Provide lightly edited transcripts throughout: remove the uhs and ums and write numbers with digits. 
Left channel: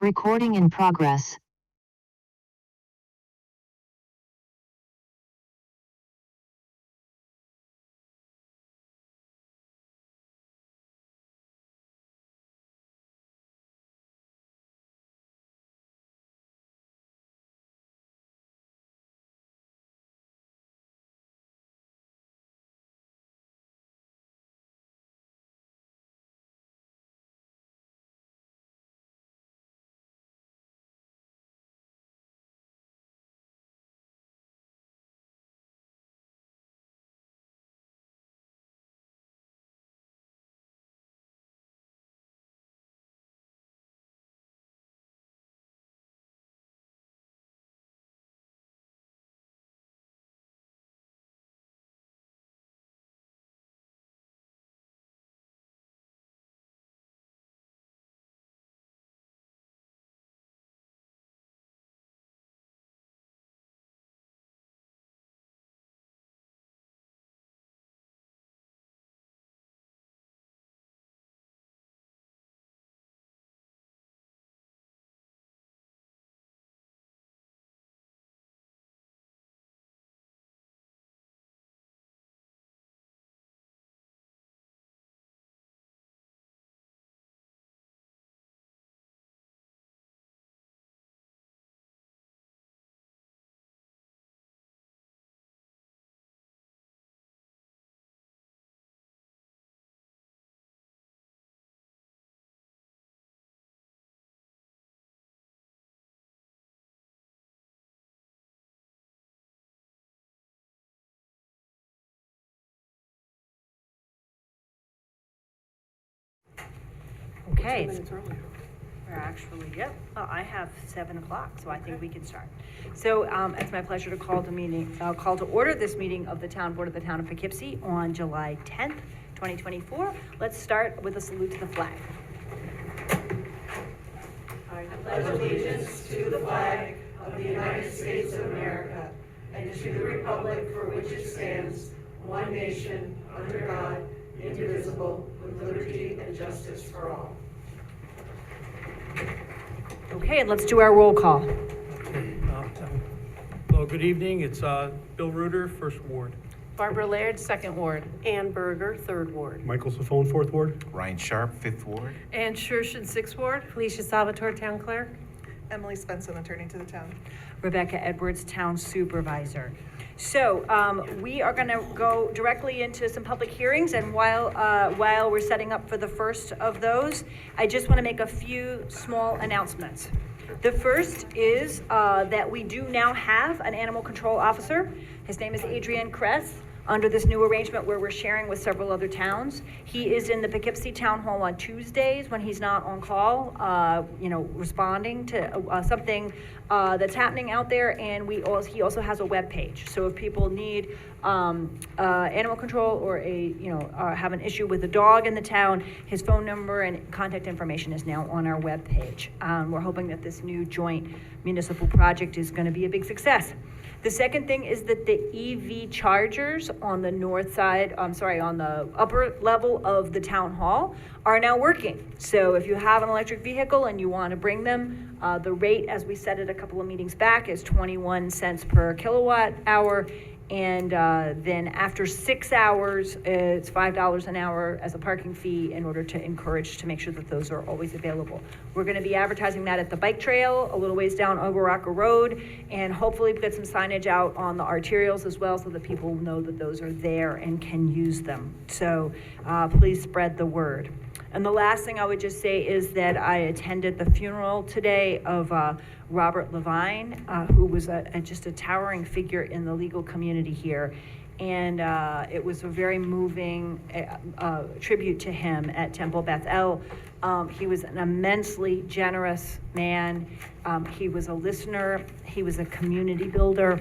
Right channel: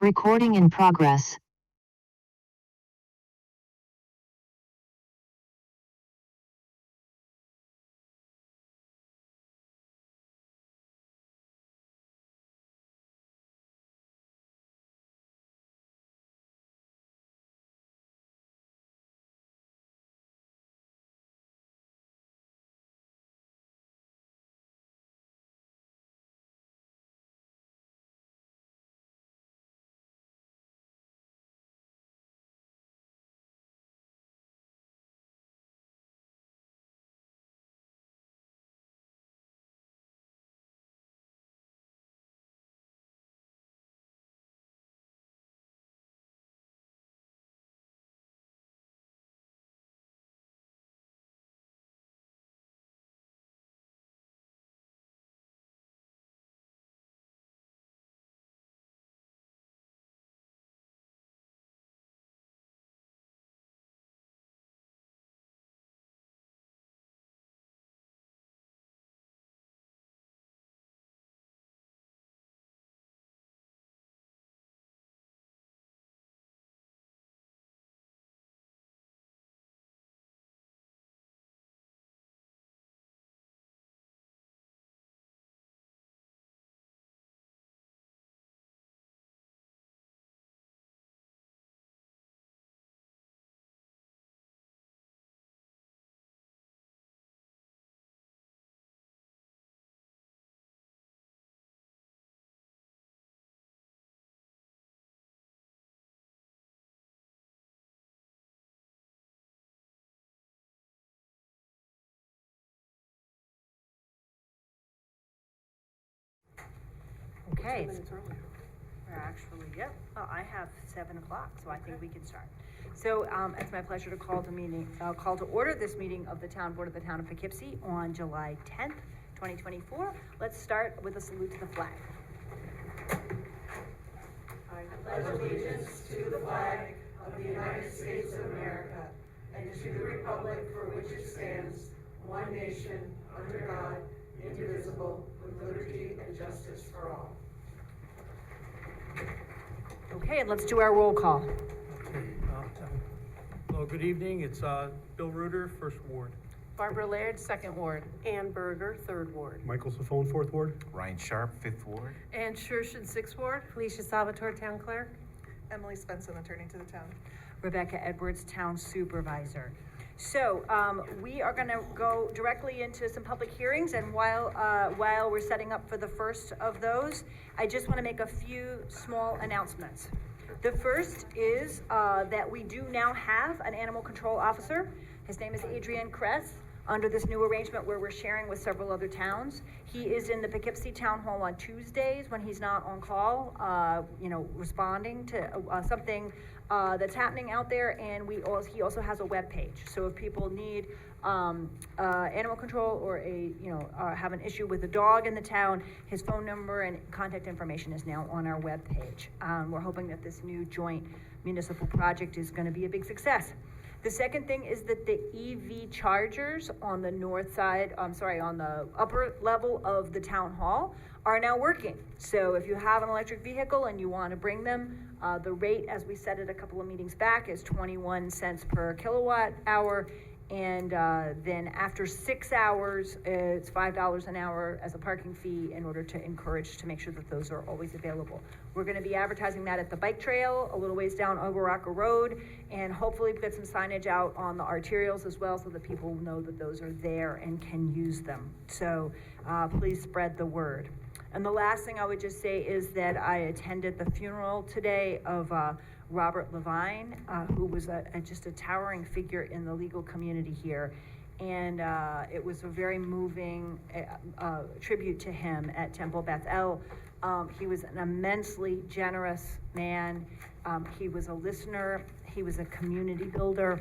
Recording in progress. Okay. We're actually, yep, I have 7 o'clock, so I think we can start. So it's my pleasure to call to order this meeting of the Town Board of the Town of Poughkeepsie on July 10th, 2024. Let's start with a salute to the flag. I pledge allegiance to the flag of the United States of America and to the republic for which it stands, one nation, under God, indivisible, with liberty and justice for all. Okay, and let's do our roll call. Well, good evening. It's Bill Reuter, First Ward. Barbara Laird, Second Ward. Ann Berger, Third Ward. Michael Safone, Fourth Ward. Ryan Sharp, Fifth Ward. Ann Shershin, Sixth Ward. Felicia Salvatore, Town Clerk. Emily Svensson, Attorney to the Town. Rebecca Edwards, Town Supervisor. So we are going to go directly into some public hearings, and while we're setting up for the first of those, I just want to make a few small announcements. The first is that we do now have an animal control officer. His name is Adrian Kress, under this new arrangement where we're sharing with several other towns. He is in the Poughkeepsie Town Hall on Tuesdays when he's not on call, responding to something that's happening out there, and he also has a web page. So if people need animal control or have an issue with a dog in the town, his phone number and contact information is now on our web page. We're hoping that this new joint municipal project is going to be a big success. The second thing is that the EV chargers on the north side, on the upper level of the town hall are now working. So if you have an electric vehicle and you want to bring them, the rate, as we said it a couple of meetings back, is 21 cents per kilowatt hour. And then after 6 hours, it's $5 an hour as a parking fee in order to encourage to make sure that those are always available. We're going to be advertising that at the bike trail a little ways down Overrocker Road, and hopefully get some signage out on the arterials as well so that people know that those are there and can use them. So please spread the word. And the last thing I would just say is that I attended the funeral today of Robert Levine, who was just a towering figure in the legal community here. And it was a very moving tribute to him at Temple Beth El. He was an immensely generous man. He was a listener. He was a community builder.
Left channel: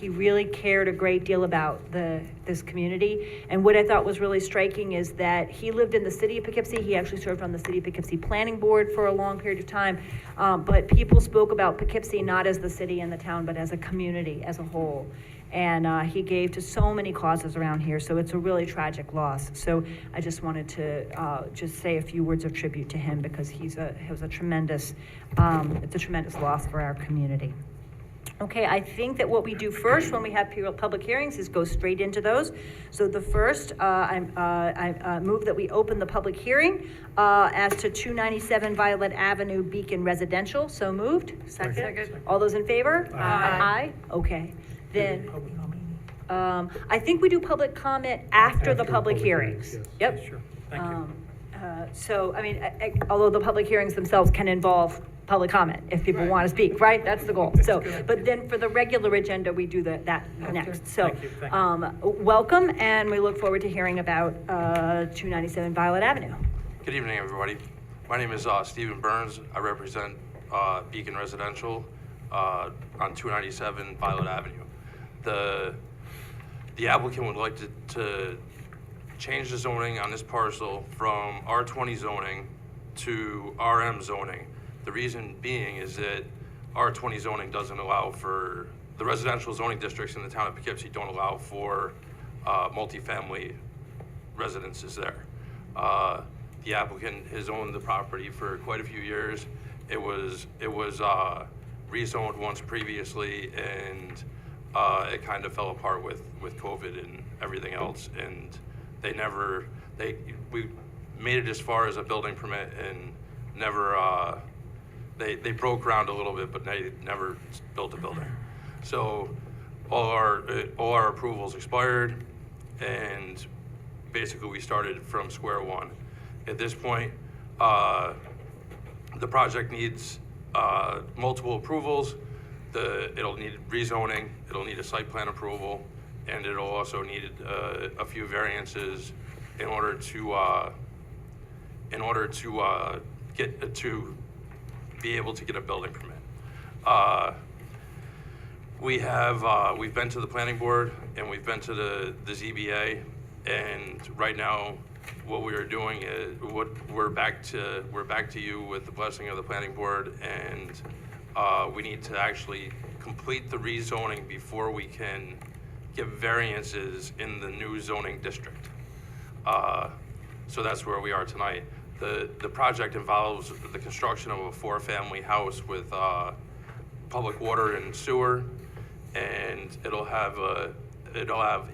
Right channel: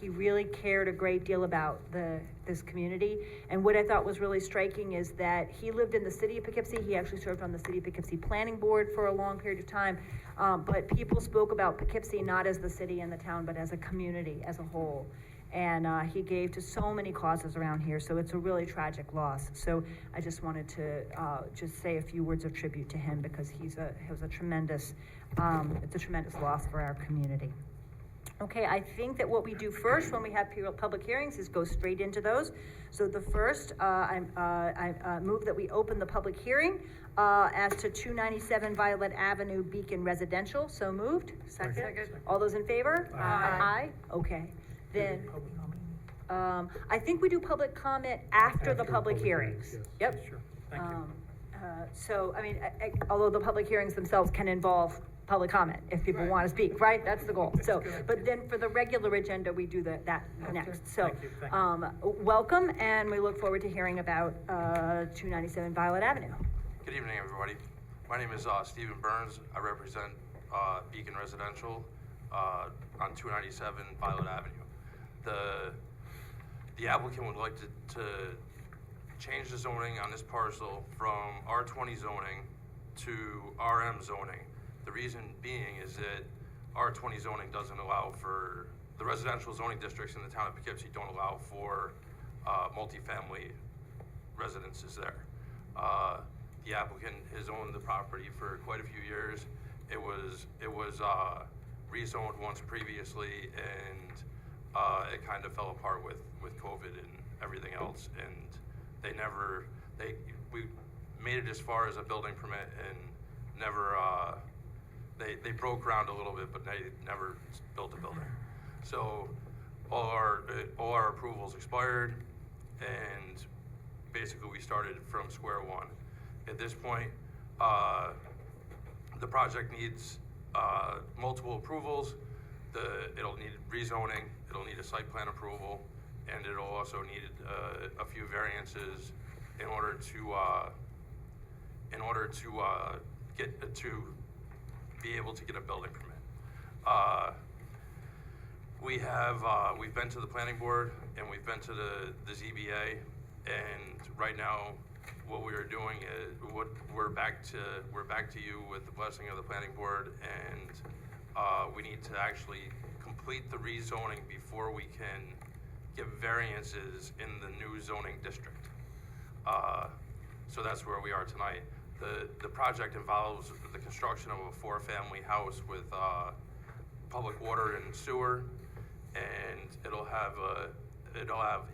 He really cared a great deal about this community. And what I thought was really striking is that he lived in the city of Poughkeepsie. He actually served on the city of Poughkeepsie Planning Board for a long period of time. But people spoke about Poughkeepsie not as the city and the town, but as a community as a whole. And he gave to so many causes around here, so it's a really tragic loss. So I just wanted to just say a few words of tribute to him, because he was a tremendous, it's a tremendous loss for our community. Okay, I think that what we do first when we have public hearings is go straight into those. So the first, I move that we open the public hearing as to 297 Violet Avenue, Beacon Residential. So moved. Second. All those in favor? Aye. Okay. Then, Public comment? I think we do public comment after the public hearings. Yep. Sure, thank you. So, I mean, although the public hearings themselves can involve public comment, if people want to speak, right? That's the goal. So, but then for the regular agenda, we do that next. So, Thank you. welcome, and we look forward to hearing about 297 Violet Avenue. Good evening, everybody. My name is Stephen Burns. I represent Beacon Residential on 297 Violet Avenue. The applicant would like to change the zoning on this parcel from R20 zoning to RM zoning. The reason being is that R20 zoning doesn't allow for, the residential zoning districts in the town of Poughkeepsie don't allow for multifamily residences there. The applicant has owned the property for quite a few years. It was rezoned once previously, and it kind of fell apart with COVID and everything else. And we made it as far as a building permit and never, they broke ground a little bit, but they never built a building. So all our approvals expired, and basically we started from square one. At this point, the project needs multiple approvals. It'll need rezoning, it'll need a site plan approval, and it'll also need a few variances in order to be able to get a building permit. We've been to the planning board and we've been to the ZBA, and right now what we are doing is we're back to you with the blessing of the planning board, and we need to actually complete the rezoning before we can give variances in the new zoning district. So that's where we are tonight. The project involves the construction of a 4-family house with public water and sewer, and it'll have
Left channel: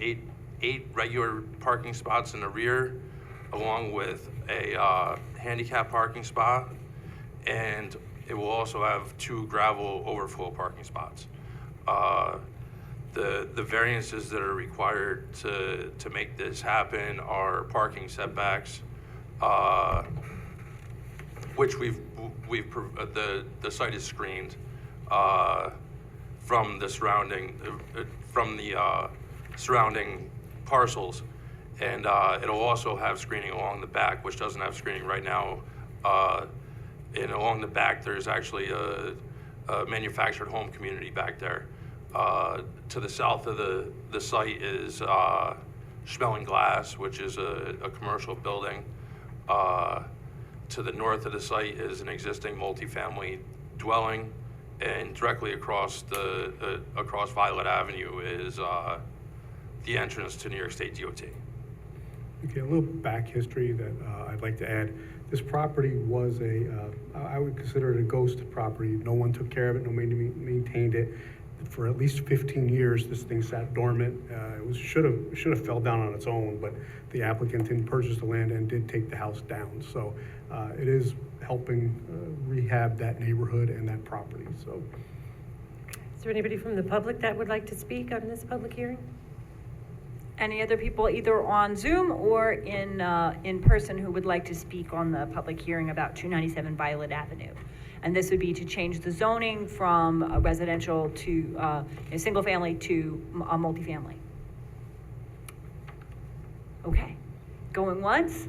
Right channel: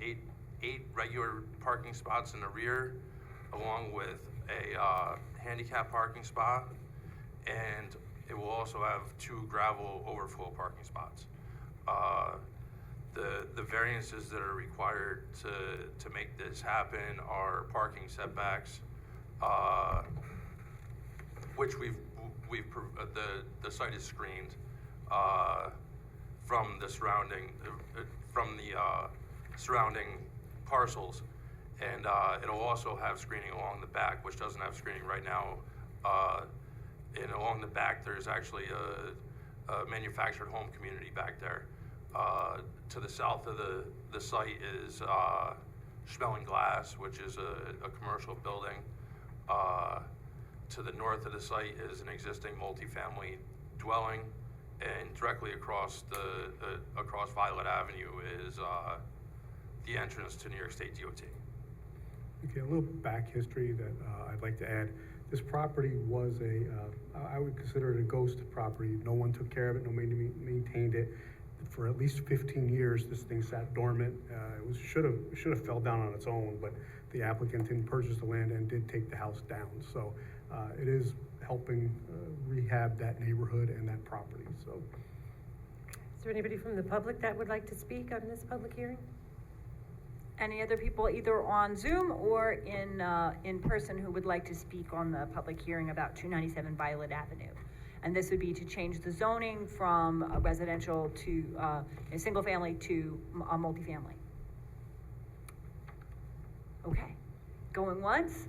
eight regular parking spots in the rear, along with a handicap parking spot, and it will also have 2 gravel overflow parking spots. The variances that are required to make this happen are parking setbacks, which the site is screened from the surrounding parcels, and it'll also have screening along the back, which doesn't have screening right now. And along the back, there's actually a manufactured home community back there. To the south of the site is Schmeling Glass, which is a commercial building. To the north of the site is an existing multifamily dwelling, and directly across Violet Avenue is the entrance to New York State DOT. Okay, a little back history that I'd like to add. This property was I would consider it a ghost property. No one took care of it, no one maintained it. For at least 15 years, this thing sat dormant. It should have fell down on its own, but the applicant didn't purchase the land and did take the house down. So it is helping rehab that neighborhood and that property. So, Is there anybody from the public that would like to speak on this public hearing? Any other people either on Zoom or in person who would like to speak on the public hearing about 297 Violet Avenue? And this would be to change the zoning from a residential to a single family to a multifamily. Okay, going once?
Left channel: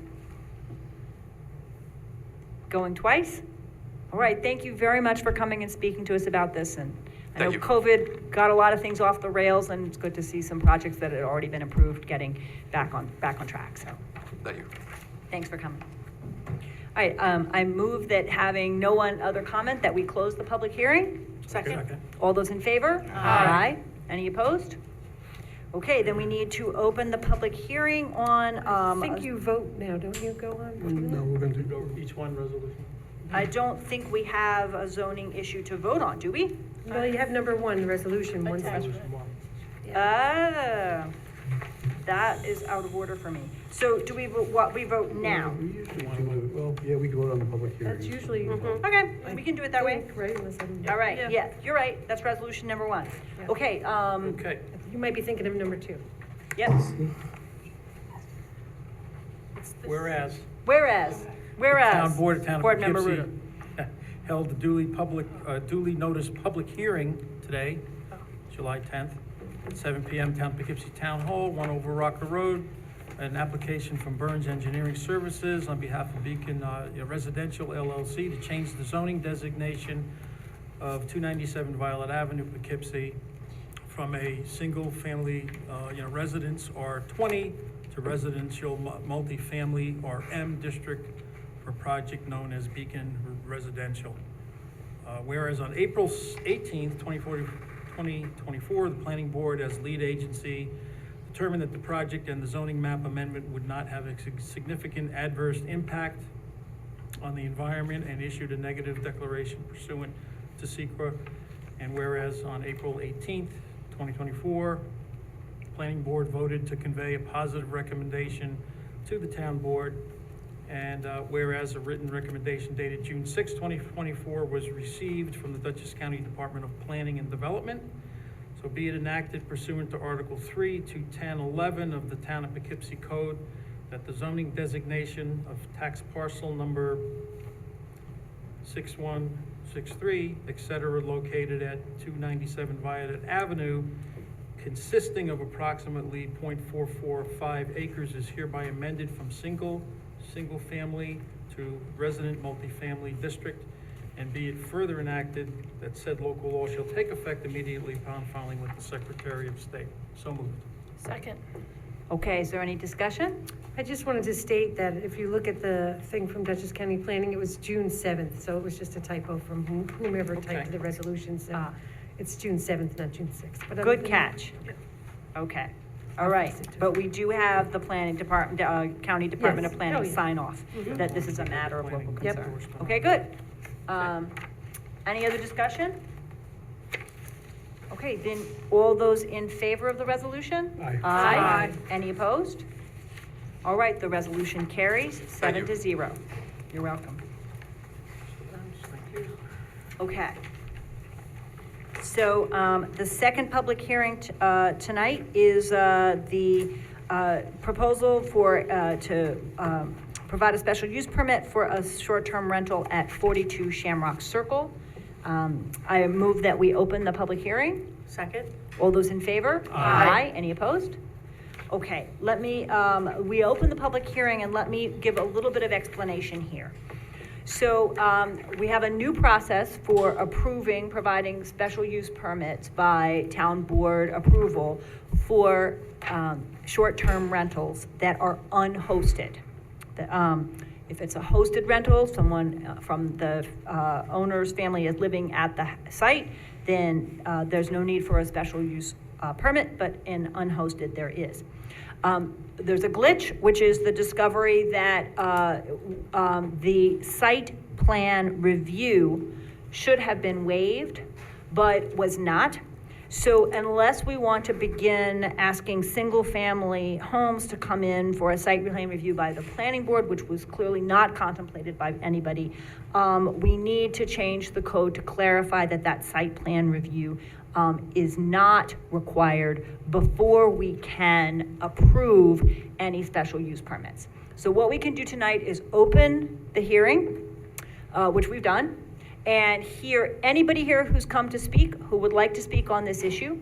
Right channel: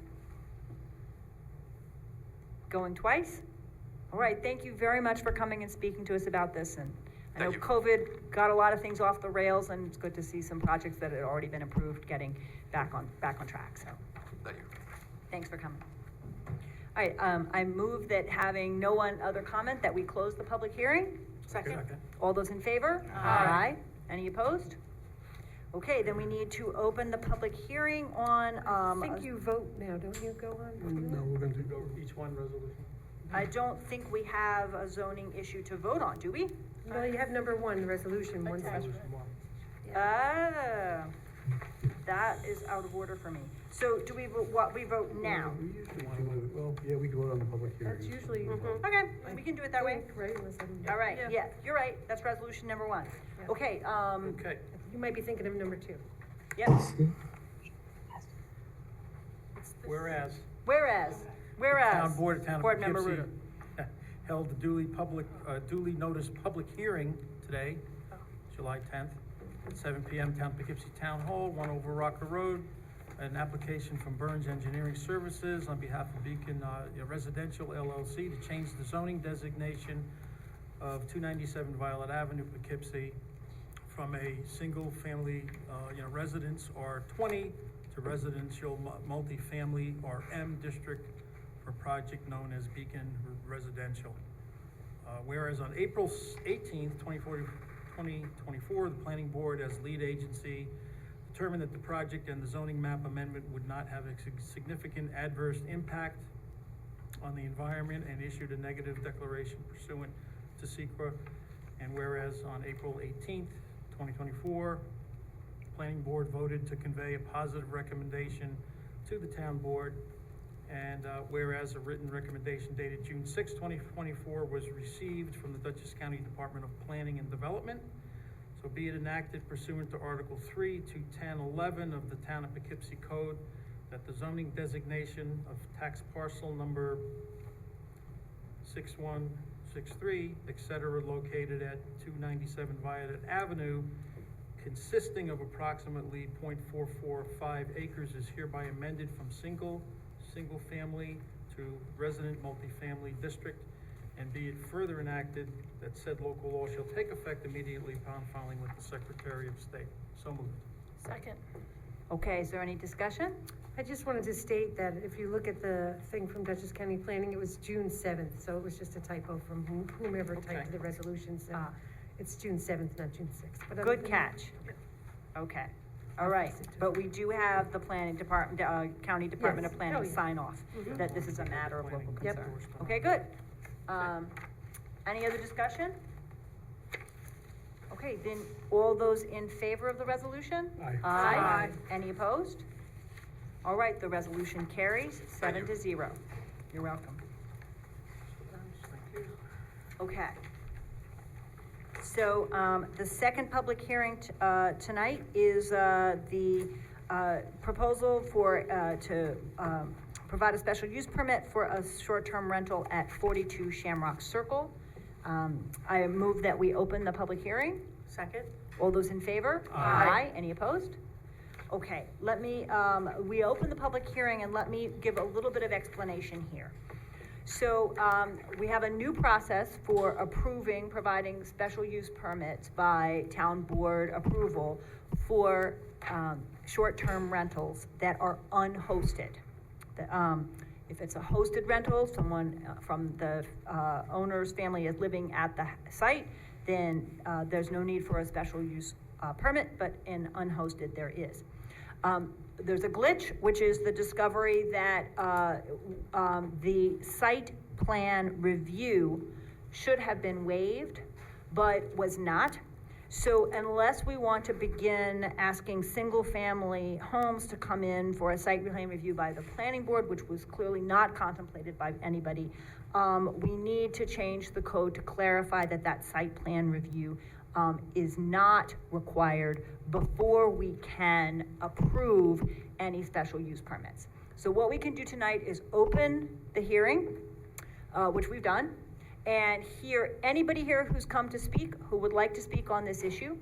Going twice? All right, thank you very much for coming and speaking to us about this. And I know Thank you. got a lot of things off the rails, and it's good to see some projects that had already been approved getting back on track, so Thank you. thanks for coming. All right, I move that having no one other comment, that we close the public hearing. Second. All those in favor? Aye. Any opposed? Okay, then we need to open the public hearing on, I think you vote now, don't you, go on? No, we're going to Go each one resolution. I don't think we have a zoning issue to vote on, do we? Well, you have number one, the resolution, one. Resolution one. Ah, that is out of order for me. So do we vote, what, we vote now? We usually do, well, yeah, we can vote on the public hearing. That's usually. Okay, we can do it that way. Right, unless I'm. All right, yeah, you're right, that's resolution number one. Yeah. Okay, Okay, You might be thinking of number two. yes, whereas whereas. Town Board of Town of Board Member Poughkeepsie held a duly noticed public hearing today, July 10th, at 7 PM, Town of Poughkeepsie Town Hall, 1 over Rocker Road, an application from Burns Engineering Services on behalf of Beacon Residential LLC to change the zoning designation of 297 Violet Avenue, Poughkeepsie, from a single-family, residence R20 to residential multifamily RM district for a project known as Beacon Residential. Whereas on April 18th, 2024, the Planning Board, as lead agency, determined that the project and the zoning map amendment would not have a significant adverse impact on the environment and issued a negative declaration pursuant to SEQA. And whereas on April 18th, 2024, the Planning Board voted to convey a positive recommendation to the Town Board. And whereas a written recommendation dated June 6, 2024 was received from the Dutchess County Department of Planning and Development, so be it enacted pursuant to Article 3 to 1011 of the Town of Poughkeepsie Code that the zoning designation of tax parcel number 6163, et cetera, located at 297 Violet Avenue, consisting of approximately 0.445 acres, is hereby amended from single-family to resident multifamily district, and be it further enacted that said local law shall take effect immediately upon filing with the Secretary of State. So moved. Second. Okay, is there any discussion? I just wanted to state that if you look at the thing from Dutchess County Planning, it was June 7th, so it was just a typo from whomever typed Okay. the resolution, so it's June 7th, not June 6th. But other Good than- catch. Okay, all right, but we do have the planning department, county department of Yes. planning Oh, yeah. sign off that this is a matter of local Planning. concern. Yep. Okay, good. Any other discussion? Okay, then, all those in favor of the resolution? Aye. Aye. Any opposed? All right, the resolution carries 7-0. You're welcome. Okay. So, the second public hearing, tonight is, the, proposal for, to, provide a special use permit for a short-term rental at 42 Shamrock Circle. I move that we open the public hearing. Second. All those in favor? Aye. Any opposed? Okay, let me, we open the public hearing and let me give a little bit of explanation here. So, we have a new process for approving, providing special use permits by town board approval for, short-term rentals that are unhosted. If it's a hosted rental, someone from the owner's family is living at the site, then there's no need for a special use permit, but in unhosted there is. There's a glitch, which is the discovery that the site plan review should have been waived, but was not. So unless we want to begin asking single-family homes to come in for a site plan review by the planning board, which was clearly not contemplated by anybody, we need to change the code to clarify that that site plan review is not required before we can approve any special use permits. So what we can do tonight is open the hearing, which we've done, and hear anybody here who's come to speak, who would like to speak on this issue.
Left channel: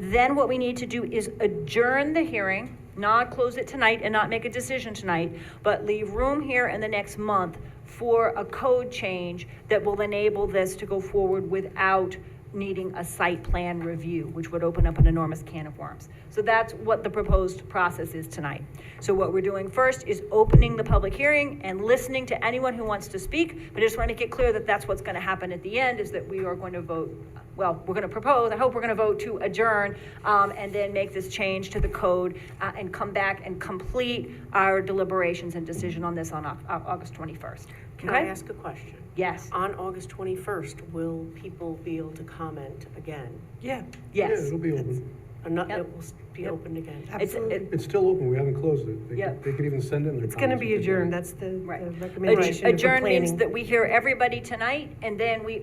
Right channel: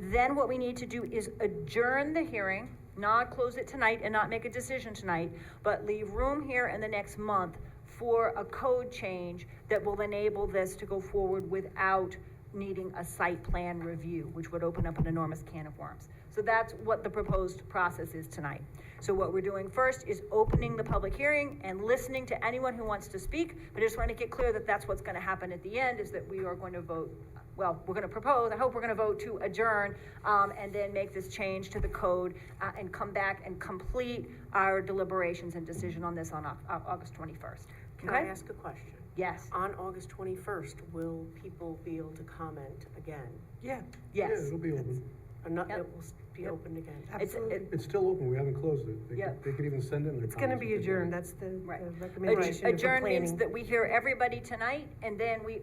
Then what we need to do is adjourn the hearing, not close it tonight and not make a decision tonight, but leave room here in the next month for a code change that will enable this to go forward without needing a site plan review, which would open up an enormous can of worms. So that's what the proposed process is tonight. So what we're doing first is opening the public hearing and listening to anyone who wants to speak, but I just want to make it clear that that's what's going to happen at the end, is that we are going to vote, well, we're going to propose, I hope we're going to vote to adjourn, and then make this change to the code, and come back and complete our deliberations and decision on this on August 21st. Can I Okay? ask a question? Yes, On August 21st, will people be able to comment again? Yeah, Yeah, yes. it'll be open. Yep. Yep. It will be Yep. opened again? It's, absolutely. It's still open, we haven't closed it. Yeah. They could even send in their It's gonna comments be if they'd like. adjourned, that's the Right. the recommendation of the adjourn means planning. that we hear everybody tonight, and then we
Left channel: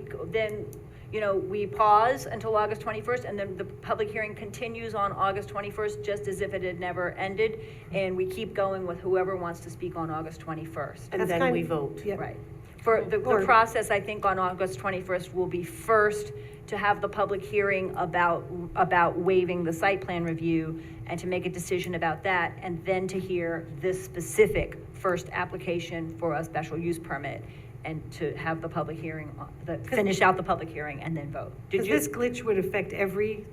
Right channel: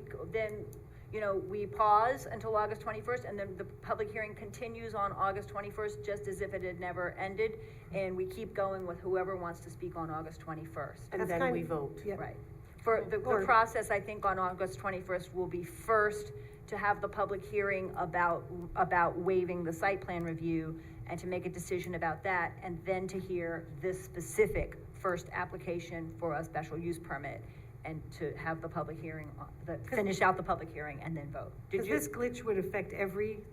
pause until August 21st, and then the public hearing continues on August 21st, just as if it had never ended, and we keep going with whoever wants to speak on August 21st. And That's then kind we of- vote? Yeah. Right. For the Or- process, I think, on August 21st will be first to have the public hearing about waiving the site plan review and to make a decision about that, and then to hear this specific first application for a special use permit, and to have the public hearing, finish out the public hearing and then vote. Did Because you? this glitch would affect every,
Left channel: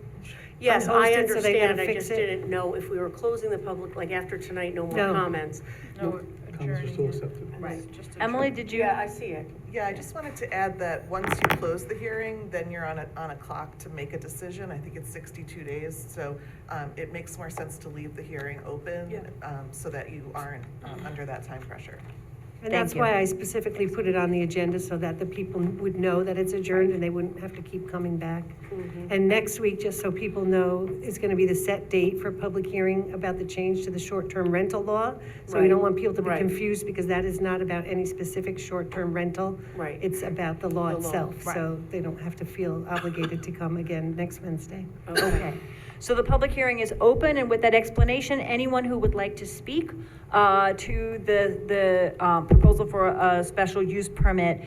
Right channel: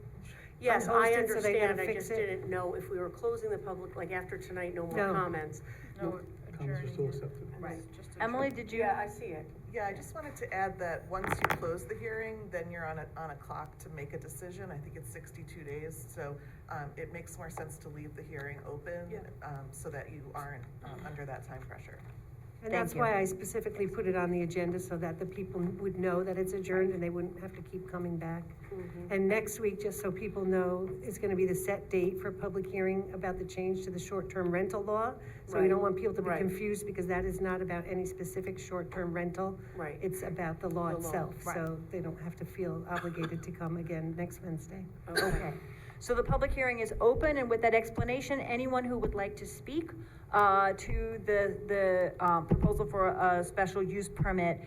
Yes, unhosted, I so they understand, gotta I fix just it. didn't know if we were closing the public, like after tonight, no more No. comments. Comments are still accepted. Right. Emily, did you? Yeah, I see it. Yeah, I just wanted to add that once you close the hearing, then you're on a clock to make a decision. I think it's 62 days, so it makes more sense to leave the hearing open, so that you aren't under that time pressure. and Thank that's you. why I specifically put it on the agenda, so that the people would know that it's adjourned and they wouldn't have to keep coming back. And next week, just so people know, is gonna be the set date for public hearing about the change to the short-term rental law. So we don't Right. want people to be Right. confused, because that is not about any specific short-term rental. Right. It's about the law The law, itself, right. so they don't have to feel obligated to come again next Wednesday. Okay, so the public hearing is open, and with that explanation, anyone who would like to speak to the proposal for a special use permit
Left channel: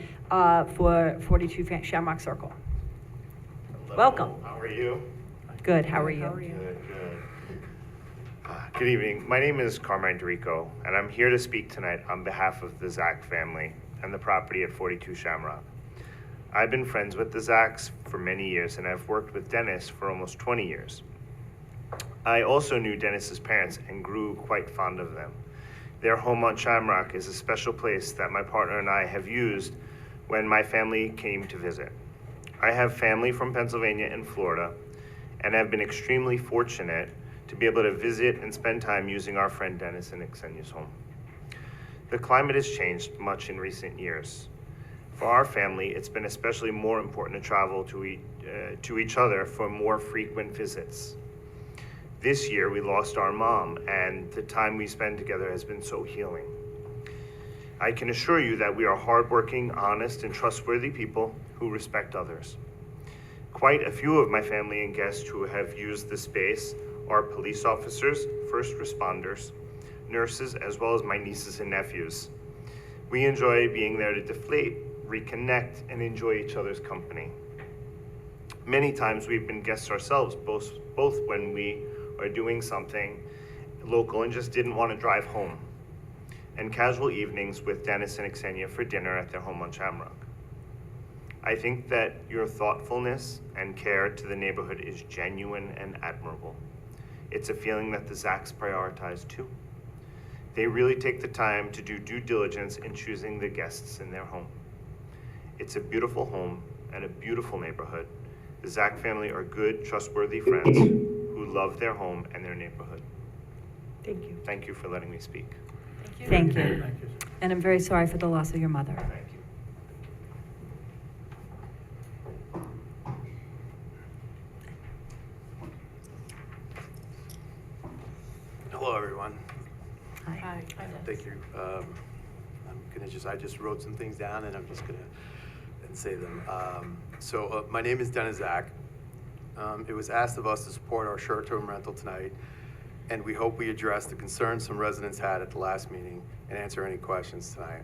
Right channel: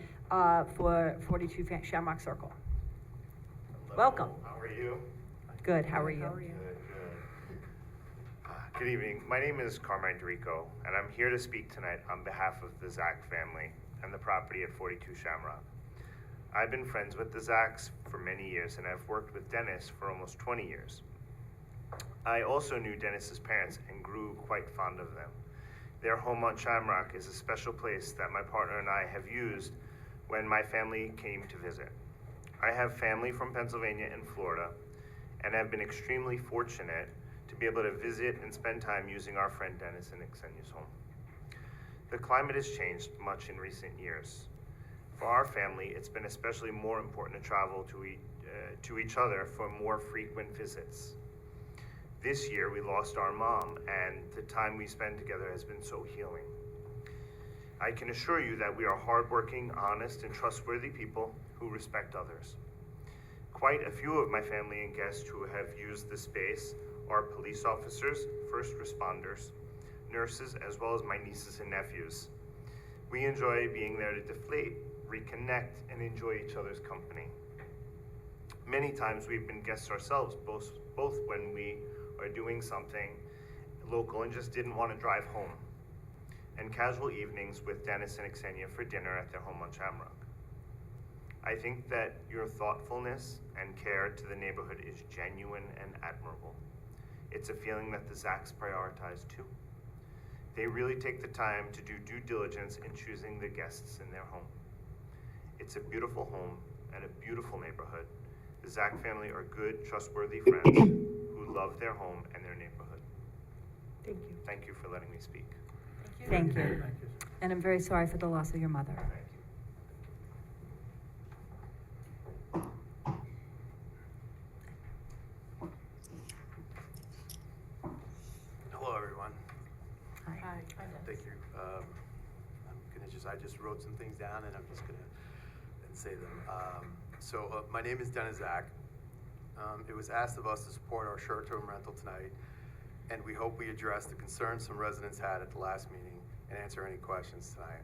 for 42 Shamrock Circle. Hello, Welcome. How are you? Good, how are you? Good, good. Good evening. My name is Carmine Dorico, and I'm here to speak tonight on behalf of the Zach family and the property at 42 Shamrock. I've been friends with the Zachs for many years, and I've worked with Dennis for almost 20 years. I also knew Dennis's parents and grew quite fond of them. Their home on Shamrock is a special place that my partner and I have used when my family came to visit. I have family from Pennsylvania and Florida, and have been extremely fortunate to be able to visit and spend time using our friend Dennis and Xenia's home. The climate has changed much in recent years. For our family, it's been especially more important to travel to each other for more frequent visits. This year, we lost our mom, and the time we spend together has been so healing. I can assure you that we are hardworking, honest, and trustworthy people who respect others. Quite a few of my family and guests who have used the space are police officers, first responders, nurses, as well as my nieces and nephews. We enjoy being there to deflate, reconnect, and enjoy each other's company. Many times we've been guests ourselves, both when we are doing something local and just didn't want to drive home, and casual evenings with Dennis and Xenia for dinner at their home on Shamrock. I think that your thoughtfulness and care to the neighborhood is genuine and admirable. It's a feeling that the Zachs prioritize too. They really take the time to do due diligence in choosing the guests in their home. It's a beautiful home and a beautiful neighborhood. The Zach family are good, trustworthy friends who love their home and their neighborhood. Thank you. Thank you for letting me speak. Thank you. Thank you. And I'm very sorry for the loss of your mother. Thank you. Hello, everyone. Hi. Thank you. I just wrote some things down and I'm just gonna say them. My name is Dennis Zach. It was asked of us to support our short-term rental tonight, and we hope we address the concerns some residents had at the last meeting and answer any questions tonight.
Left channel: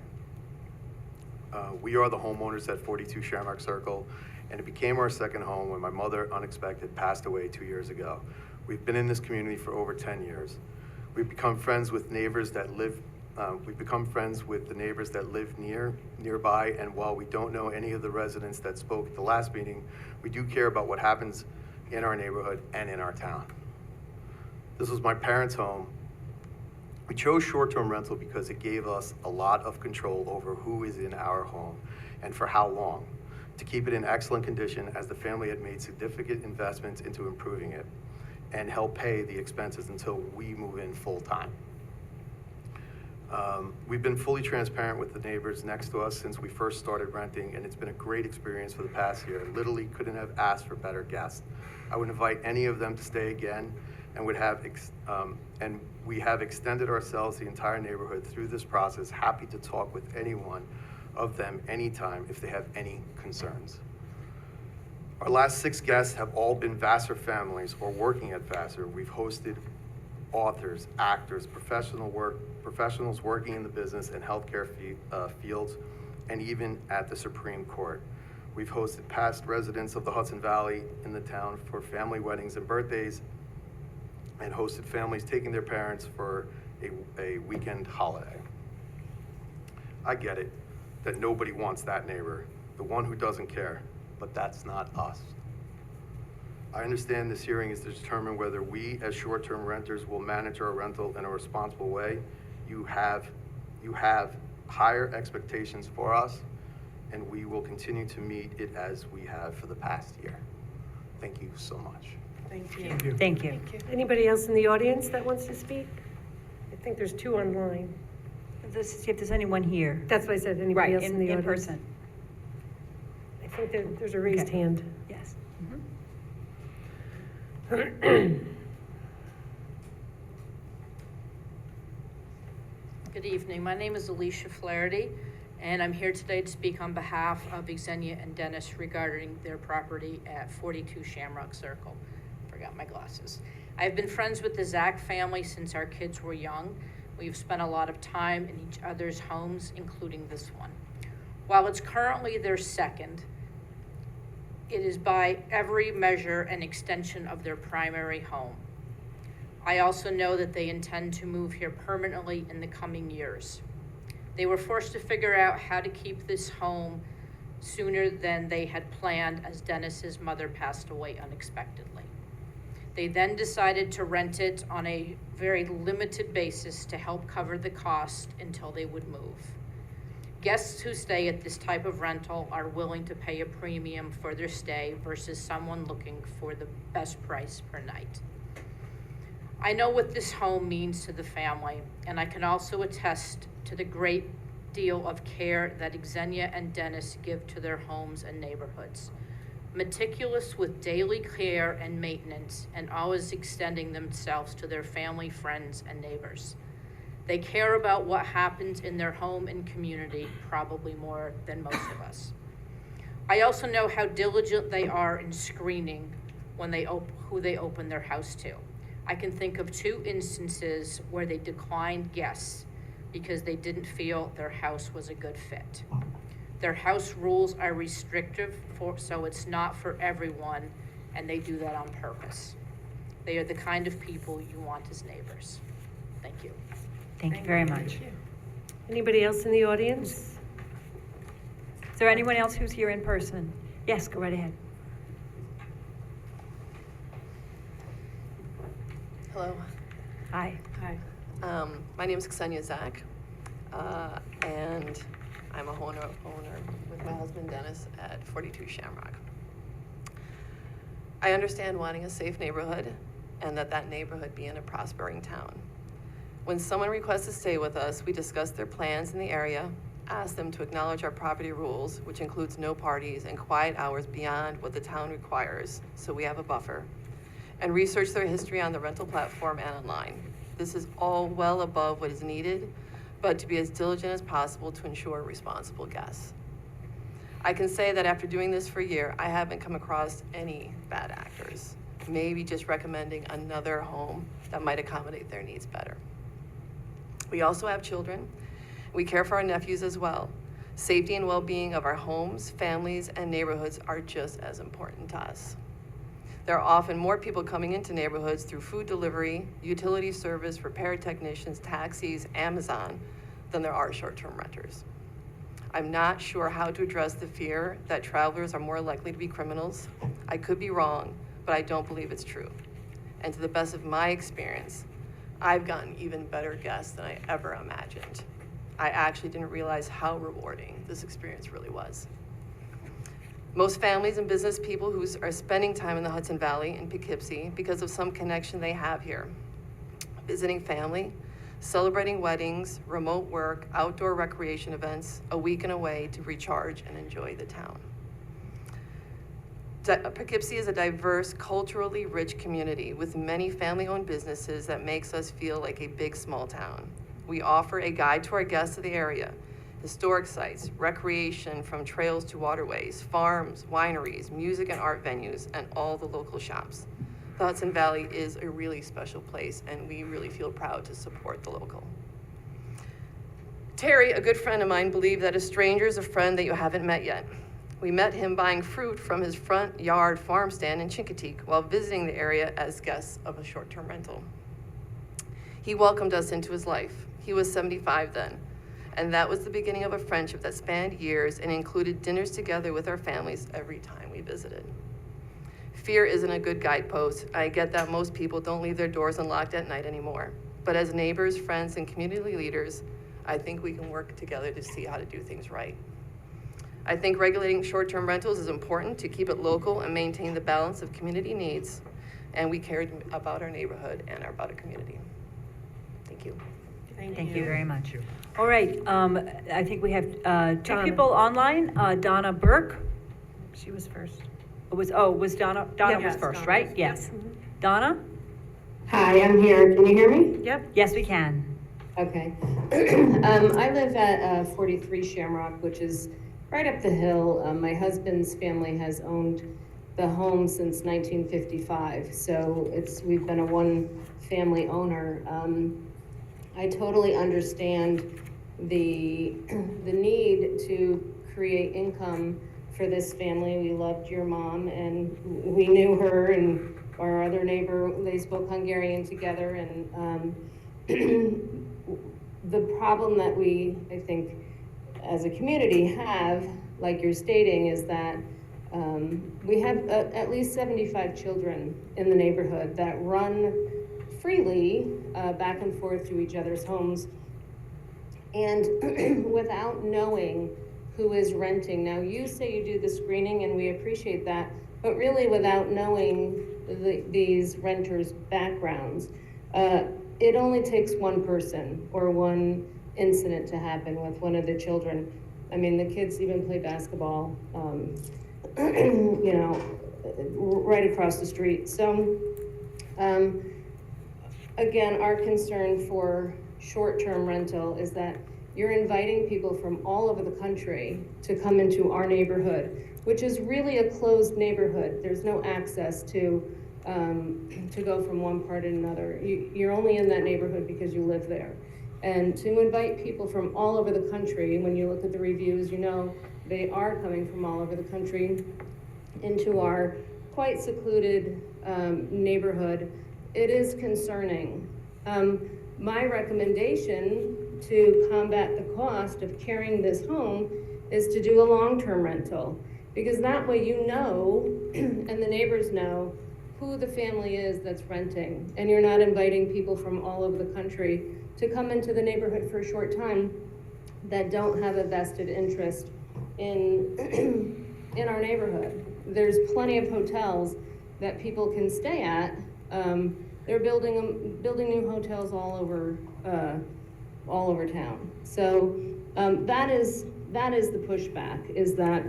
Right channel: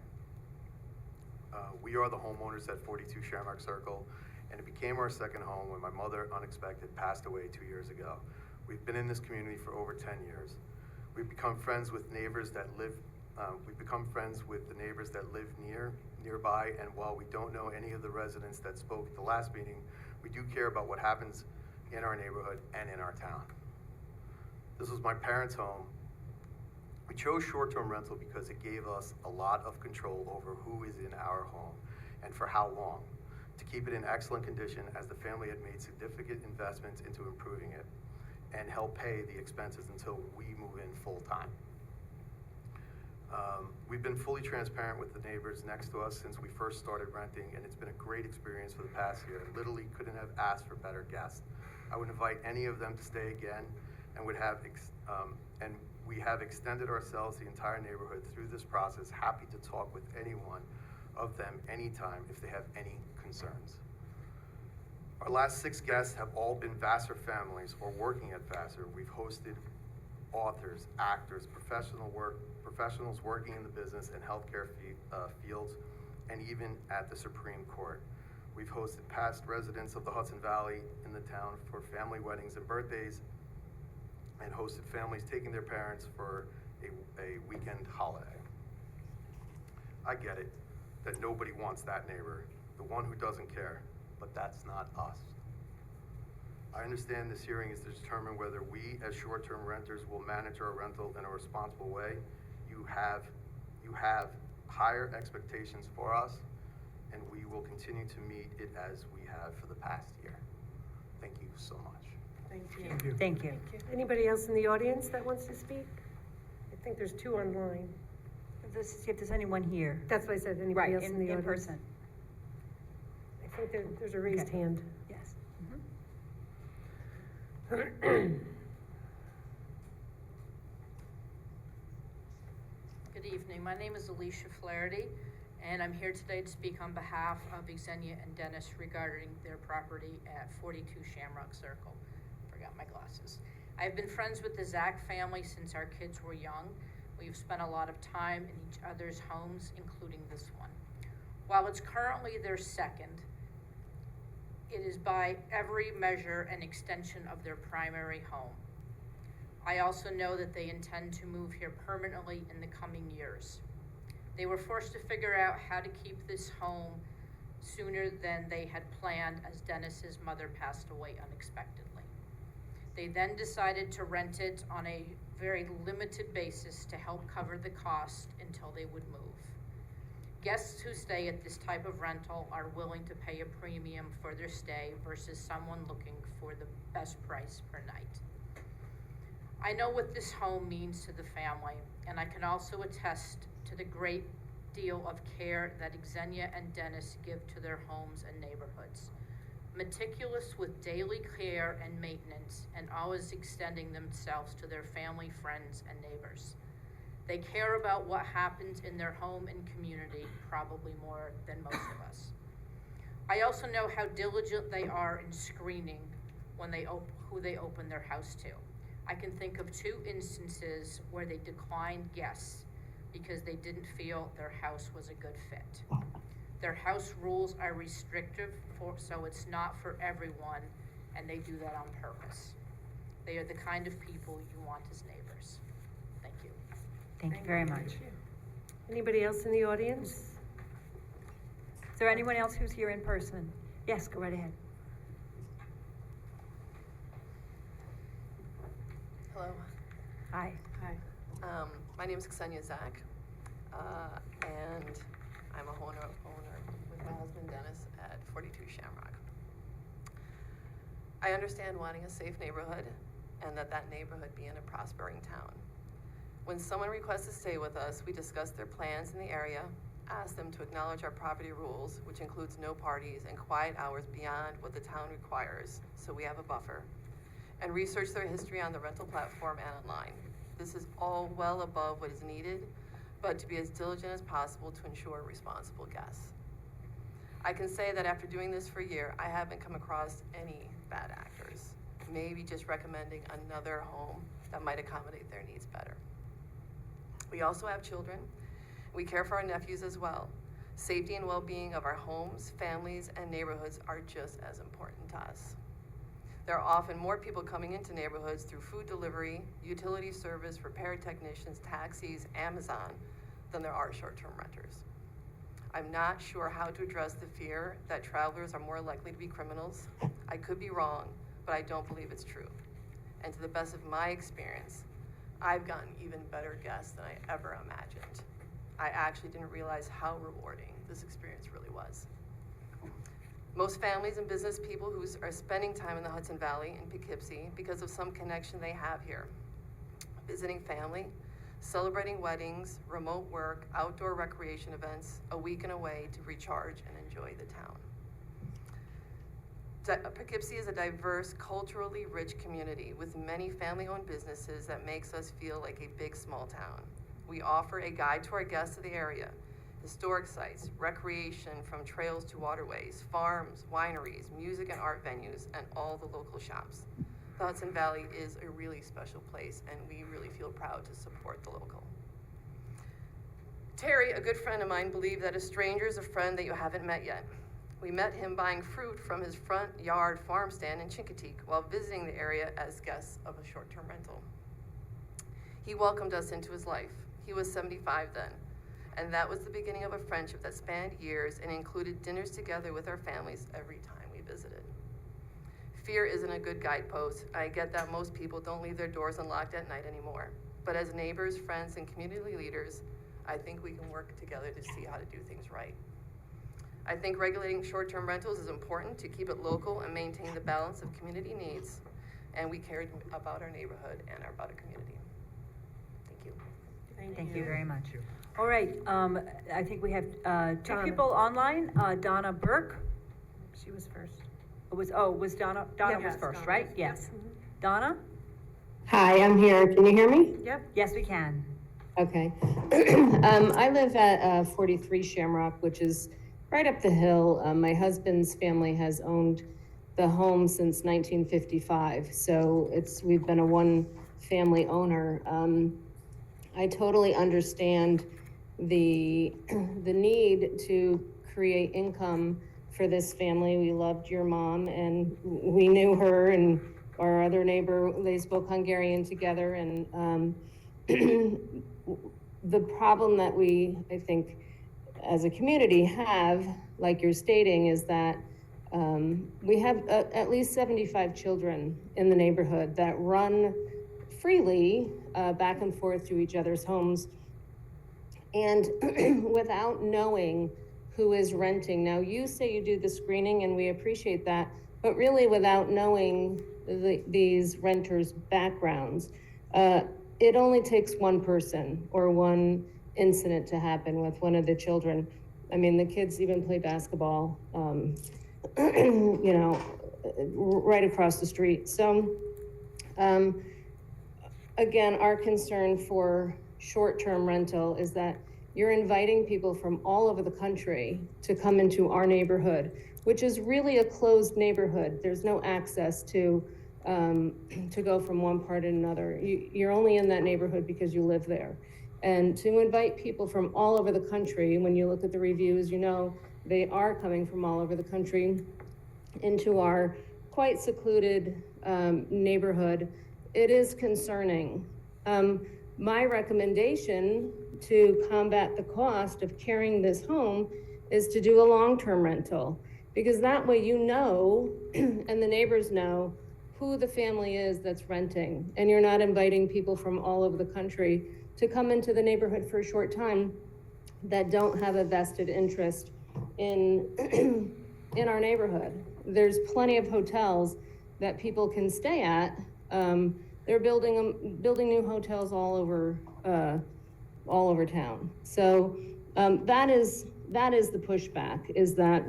We are the homeowners at 42 Shamrock Circle, and it became our second home when my mother unexpectedly passed away 2 years ago. We've been in this community for over 10 years. We've become friends with neighbors that live We've become friends with the neighbors that live nearby, and while we don't know any of the residents that spoke at the last meeting, we do care about what happens in our neighborhood and in our town. This was my parents' home. We chose short-term rental because it gave us a lot of control over who is in our home and for how long, to keep it in excellent condition, as the family had made significant investments into improving it and help pay the expenses until we move in full-time. We've been fully transparent with the neighbors next to us since we first started renting, and it's been a great experience for the past year. Literally couldn't have asked for better guests. I would invite any of them to stay again, and we have extended ourselves the entire neighborhood through this process. Happy to talk with anyone of them anytime if they have any concerns. Our last 6 guests have all been Vassar families or working at Vassar. We've hosted authors, actors, professionals working in the business and healthcare fields, and even at the Supreme Court. We've hosted past residents of the Hudson Valley in the town for family weddings and birthdays, and hosted families taking their parents for a weekend holiday. I get it, that nobody wants that neighbor, the one who doesn't care, but that's not us. I understand this hearing is to determine whether we, as short-term renters, will manage our rental in a responsible way. You have higher expectations for us, and we will continue to meet it as we have for the past year. Thank you so much. Thank you. Thank you. Anybody else in the audience that wants to speak? I think there's 2 online. Let's see if there's anyone here. That's why I said anybody Right, else in the in audience. person. I think there's a raised Okay. hand. Yes. Good evening. My name is Alicia Flaherty, and I'm here today to speak on behalf of Xenia and Dennis regarding their property at 42 Shamrock Circle. Forgot my glasses. I've been friends with the Zach family since our kids were young. We've spent a lot of time in each other's homes, including this one. While it's currently their second, it is by every measure an extension of their primary home. I also know that they intend to move here permanently in the coming years. They were forced to figure out how to keep this home sooner than they had planned, as Dennis's mother passed away unexpectedly. They then decided to rent it on a very limited basis to help cover the cost until they would move. Guests who stay at this type of rental are willing to pay a premium for their stay versus someone looking for the best price per night. I know what this home means to the family, and I can also attest to the great deal of care that Xenia and Dennis give to their homes and neighborhoods. Meticulous with daily care and maintenance, and always extending themselves to their family, friends, and neighbors. They care about what happens in their home and community, probably more than most of us. I also know how diligent they are in screening when who they open their house to. I can think of 2 instances where they declined guests because they didn't feel their house was a good fit. Their house rules are restrictive, so it's not for everyone, and they do that on purpose. They are the kind of people you want as neighbors. Thank you. Thank you very much. Anybody else in the audience? Is there anyone else who's here in person? Yes, go right ahead. Hello. Hi. Hi. My name is Xenia Zach, and I'm a owner with my husband Dennis at 42 Shamrock. I understand wanting a safe neighborhood and that neighborhood be in a prospering town. When someone requests to stay with us, we discuss their plans in the area, ask them to acknowledge our property rules, which includes no parties and quiet hours beyond what the town requires, so we have a buffer, and research their history on the rental platform and online. This is all well above what is needed, but to be as diligent as possible to ensure responsible guests. I can say that after doing this for a year, I haven't come across any bad actors, maybe just recommending another home that might accommodate their needs better. We also have children. We care for our nephews as well. Safety and well-being of our homes, families, and neighborhoods are just as important to us. There are often more people coming into neighborhoods through food delivery, utility service, repair technicians, taxis, Amazon, than there are short-term renters. I'm not sure how to address the fear that travelers are more likely to be criminals. I could be wrong, but I don't believe it's true. And to the best of my experience, I've gotten even better guests than I ever imagined. I actually didn't realize how rewarding this experience really was. Most families and business people who are spending time in the Hudson Valley in Poughkeepsie because of some connection they have here, visiting family, celebrating weddings, remote work, outdoor recreation events, a weekend away to recharge and enjoy the town. Poughkeepsie is a diverse, culturally rich community with many family-owned businesses that makes us feel like a big, small town. We offer a guide to our guests of the area, historic sites, recreation from trails to waterways, farms, wineries, music and art venues, and all the local shops. The Hudson Valley is a really special place, and we really feel proud to support the local. Terry, a good friend of mine, believed that a stranger is a friend that you haven't met yet. We met him buying fruit from his front yard farm stand in Chincoteague while visiting the area as guests of a short-term rental. He welcomed us into his life. He was 75 then, and that was the beginning of a friendship that spanned years and included dinners together with our families every time we visited. Fear isn't a good guidepost. I get that most people don't leave their doors unlocked at night anymore. But as neighbors, friends, and community leaders, I think we can work together to see how to do things right. I think regulating short-term rentals is important to keep it local and maintain the balance of community needs, and we care about our neighborhood and about our community. Thank you. Thank you very much. All right, I think we have two Donna. people online. Donna Burke. She was first. Was Donna Yep. was first, Donna right? was- Yes. Donna? Hi, I'm here. Can you hear me? Yep. Yes, we can. Okay. I live at 43 Shamrock, which is right up the hill. My husband's family has owned the home since 1955, so we've been a one-family owner. I totally understand the need to create income for this family. We loved your mom, and we knew her and our other neighbor. They spoke Hungarian together, and the problem that we, I think, as a community have, like you're stating, is that we have at least 75 children in the neighborhood that run freely back and forth to each other's homes, and without knowing who is renting. Now, you say you do the screening, and we appreciate that, but really without knowing these renters' backgrounds. It only takes one person or one incident to happen with one of the children. I mean, the kids even play basketball, you know, right across the street. So, again, our concern for short-term rental is that you're inviting people from all over the country to come into our neighborhood, which is really a closed neighborhood. There's no access to go from one part to another. You're only in that neighborhood because you live there. And to invite people from all over the country, when you look at the reviews, you know they are coming from all over the country into our quite secluded neighborhood. It is concerning. My recommendation to combat the cost of carrying this home is to do a long-term rental, because that way you know, and the neighbors know, who the family is that's renting, and you're not inviting people from all over the country to come into the neighborhood for a short time that don't have a vested interest in in our neighborhood. There's plenty of hotels that people can stay at. They're building new hotels all over town. So that is the pushback, is that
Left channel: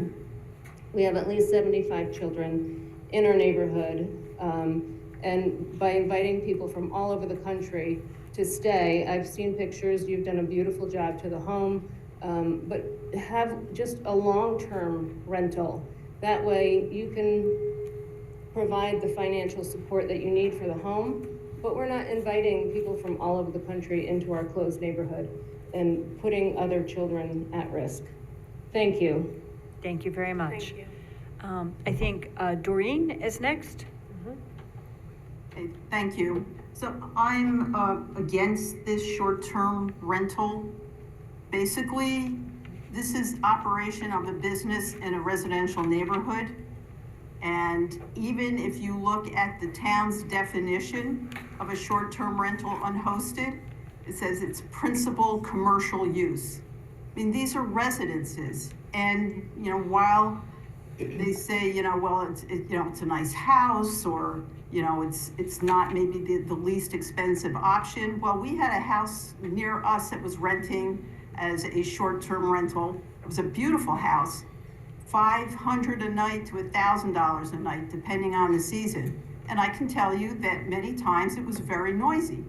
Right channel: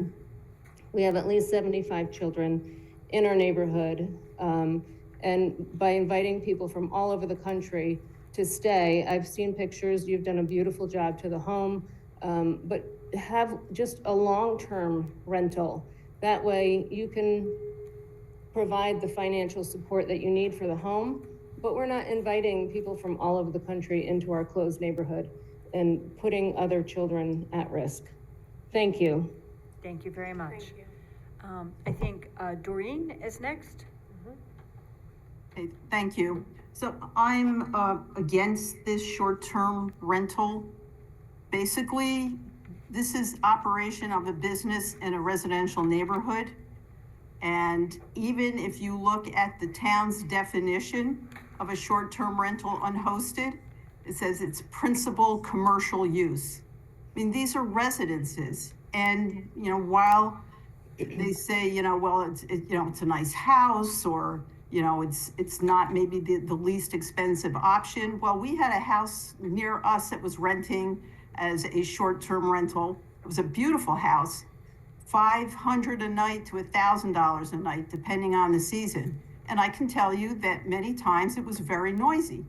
we have at least 75 children in our neighborhood, and by inviting people from all over the country to stay, I've seen pictures, you've done a beautiful job to the home, but have just a long-term rental. That way you can provide the financial support that you need for the home, but we're not inviting people from all over the country into our closed neighborhood and putting other children at risk. Thank you. Thank you very much. Thank you. I think Doreen is next. Okay, thank you. So I'm against this short-term rental Basically, this is operation of a business in a residential neighborhood. And even if you look at the town's definition of a short-term rental unhosted, it says it's principal commercial use. I mean, these are residences. And, while they say, well, it's a nice house, or, it's not maybe the least expensive option. Well, we had a house near us that was renting as a short-term rental. It was a beautiful house, $500 a night to $1,000 a night, depending on the season. And I can tell you that many times it was very noisy.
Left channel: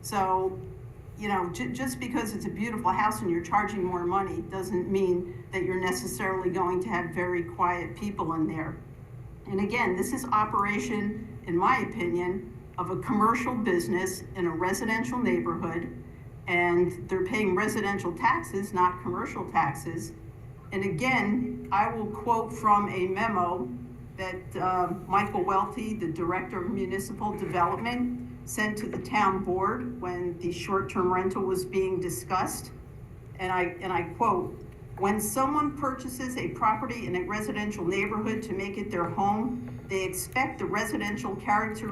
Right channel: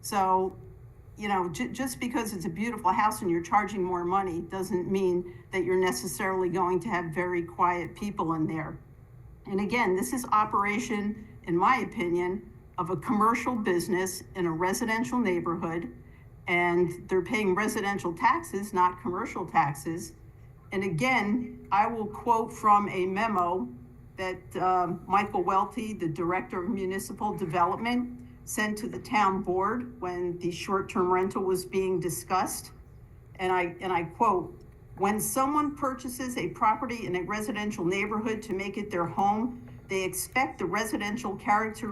So, just because it's a beautiful house and you're charging more money doesn't mean that you're necessarily going to have very quiet people in there. And again, this is operation, in my opinion, of a commercial business in a residential neighborhood, and they're paying residential taxes, not commercial taxes. And again, I will quote from a memo that Michael Welty, the Director of Municipal Development, sent to the town board when the short-term rental was being discussed. And I quote, "When someone purchases a property in a residential neighborhood to make it their home, they expect the residential character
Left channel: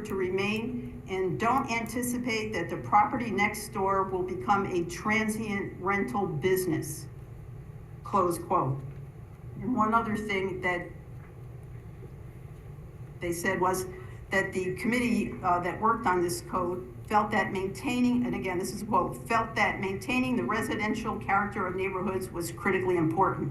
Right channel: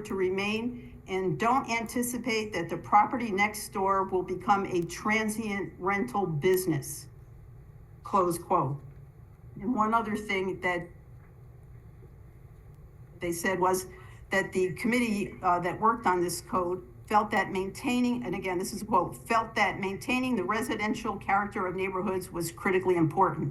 to remain and don't anticipate that the property next door will become a transient rental business." Close quote. And one other thing that they said was that the committee that worked on this code felt that maintaining, and again, this is a quote, felt that maintaining the residential character of neighborhoods was critically important.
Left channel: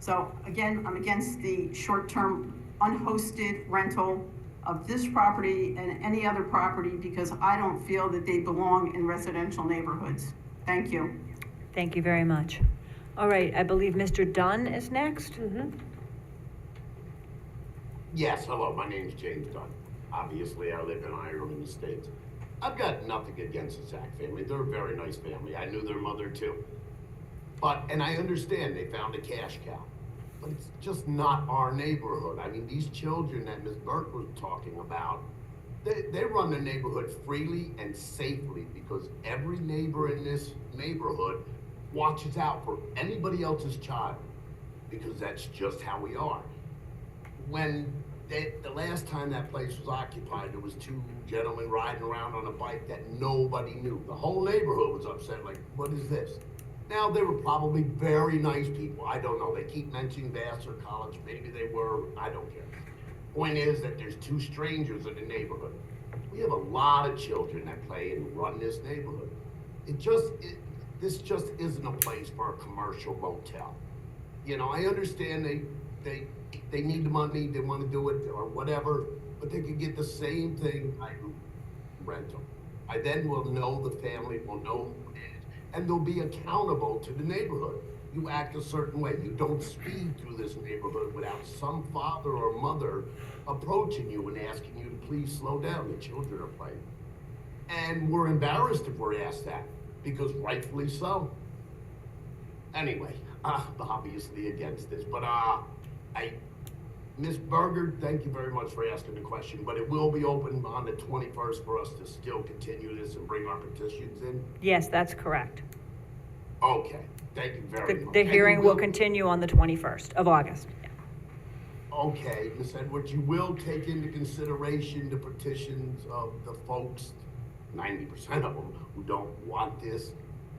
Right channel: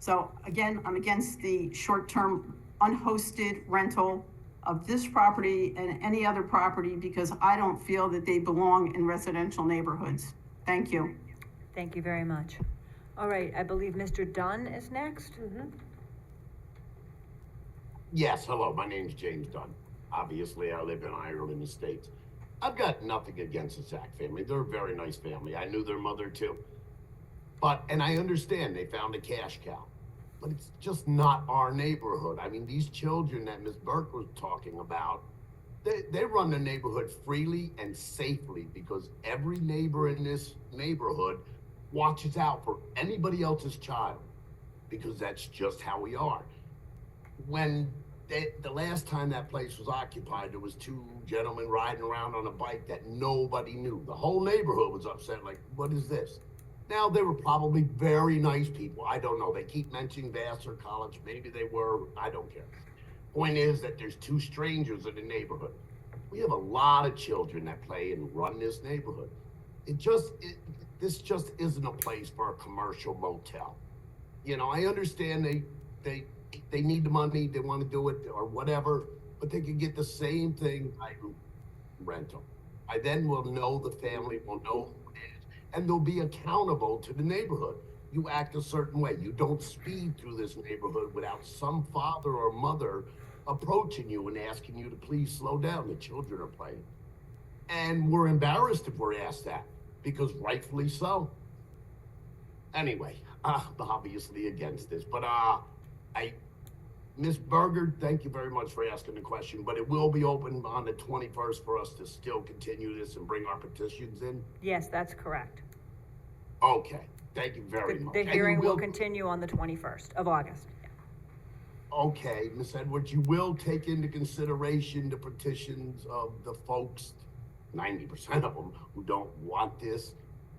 So again, I'm against the short-term unhosted rental of this property and any other property because I don't feel that they belong in residential neighborhoods. Thank you. Thank you very much. All right, I believe Mr. Dunn is next. Yes, hello, my name's James Dunn. Obviously, I live in Ireland in the States. I've got nothing against the Zach family. They're a very nice family. I knew their mother too. And I understand they found a cash cow, but it's just not our neighborhood. I mean, these children that Ms. Burke was talking about, they run their neighborhood freely and safely because every neighbor in this neighborhood watches out for anybody else's child because that's just how we are. When the last time that place was occupied, there was two gentlemen riding around on a bike that nobody knew. The whole neighborhood was upset, like, what is this? Now, they were probably very nice people. I don't know. They keep mentioning Vassar College. Maybe they were. I don't care. Point is that there's two strangers in the neighborhood. We have a lot of children that play and run this neighborhood. This just isn't a place for a commercial motel. I understand they need the money, they want to do it or whatever, but they can get the same thing by rental. I then will know the family, will know who it is, and they'll be accountable to the neighborhood. You act a certain way. You don't speed through this neighborhood without some father or mother approaching you and asking you to please slow down. The children are playing. And we're embarrassed if we're asked that, because rightfully so. Anyway, obviously against this, but Ms. Berger, thank you very much for asking the question, but it will be open on the 21st for us to still continue this and bring our petitions in? Yes, that's correct. Okay, thank you very much. The hearing will continue on the 21st of August. Okay, Ms. Edwards, you will take into consideration the petitions of the folks, 90% of them, who don't want this.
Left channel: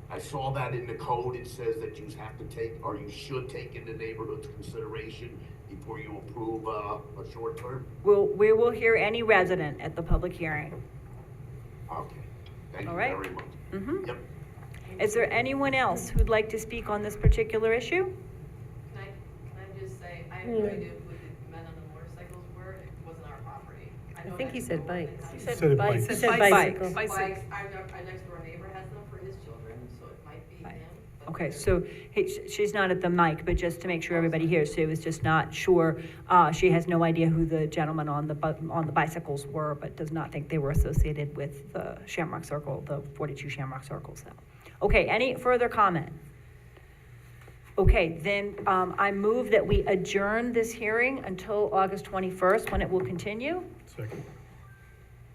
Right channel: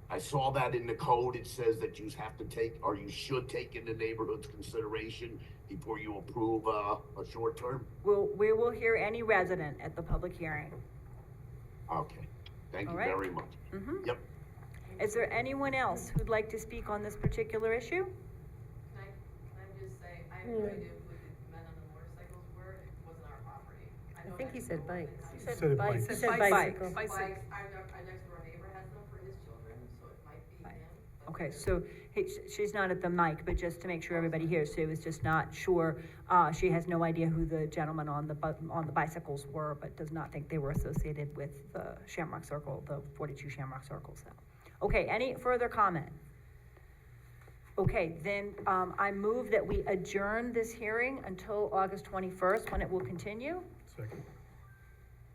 I saw that in the code. It says that you have to take, or you should take into neighborhood's consideration before you approve a short term? We will hear any resident at the public hearing. Okay, thank All you right. very much. Yep. Is there anyone else who'd like to speak on this particular issue? Can I just say, I have no idea who the men on the motorcycles were, it wasn't our property. I think he said bikes. He said bikes. He said bikes. Bikes, our next door neighbor has them for his children, so it might be him. but- Okay, so she's not at the mic, but just to make sure everybody hears, she was just not sure. She has no idea who the gentlemen on the bicycles were, but does not think they were associated with the Shamrock Circle, the 42 Shamrock Circles. Okay, any further comment? Okay, then I move that we adjourn this hearing until August 21st, when it will continue. Second.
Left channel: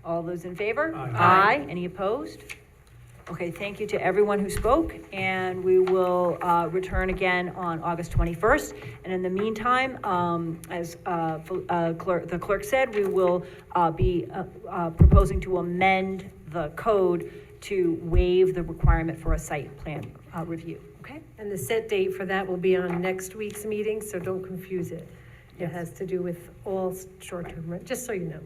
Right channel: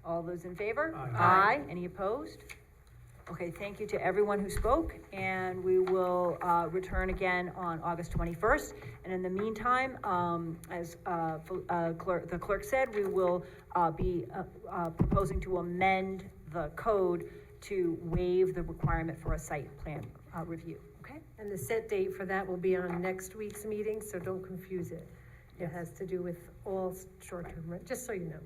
All those in favor? Aye. Aye. Any opposed? Okay, thank you to everyone who spoke, and we will return again on August 21st. And in the meantime, as the clerk said, we will be proposing to amend the code to waive the requirement for a site plan review, okay? And the set date for that will be on next week's meeting, so don't confuse it. It Yes. has to do with all short-term rent, just so you know.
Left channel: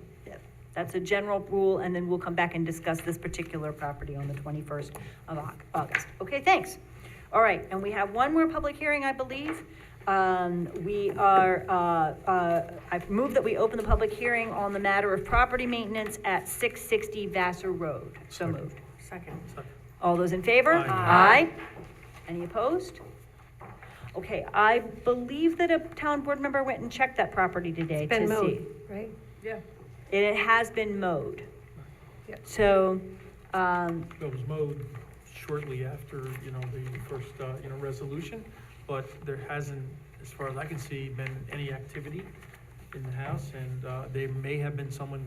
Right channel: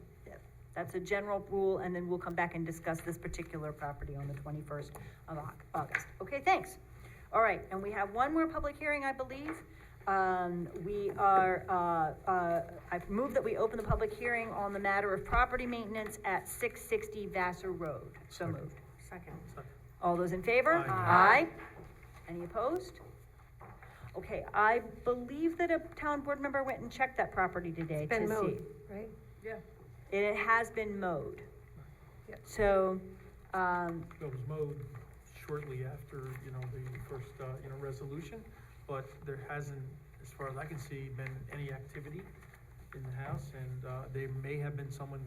That's a general rule, and then we'll come back and discuss this particular property on the 21st of August. Okay, thanks. All right, and we have one more public hearing, I believe. I've moved that we open the public hearing on the matter of property maintenance at 660 Vassar Road. So moved. Second. All those in favor? Aye. Aye. Any opposed? Okay, I believe that a town board member went and checked that property today It's been to mowed, see. right? Yeah. It has been mowed. Yep. So, It was mowed shortly after, the first, resolution, but there hasn't, as far as I can see, been any activity in the house, and, there may have been someone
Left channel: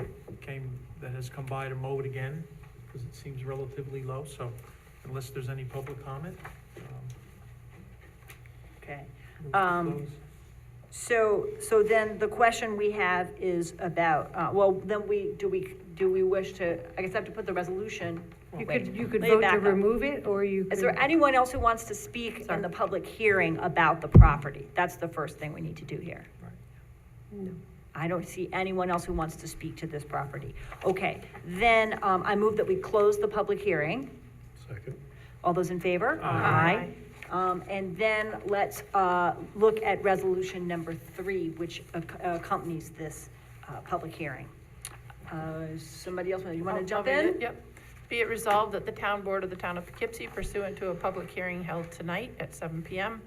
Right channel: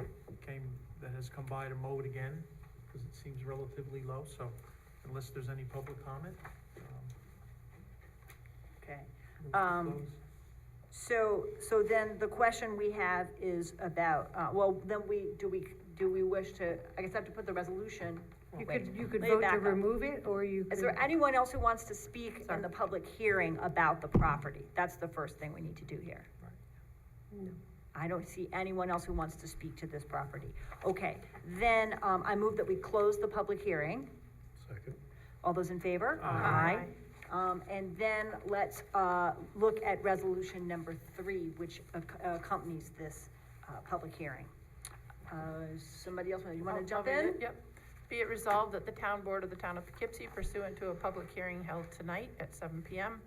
that has come by to mow it again, because it seems relatively low, so unless there's any public comment, okay. move to close. So then the question we have is about, do we wish to, I guess I have to put the resolution. You Wait, could lay vote back to up. remove it, or you Is could. there anyone else who wants to speak in the public hearing about the property? That's the first thing we need to do here. No. I don't see anyone else who wants to speak to this property. Okay, then, I move that we close the public hearing. Second. All those in favor? Aye. And then let's, look at resolution number 3, which accompanies this, public hearing. Somebody else, you wanna jump I'll read in? it, Yep. Be it resolved that the town board of the town of Poughkeepsie pursuant to a public hearing held tonight at 7 PM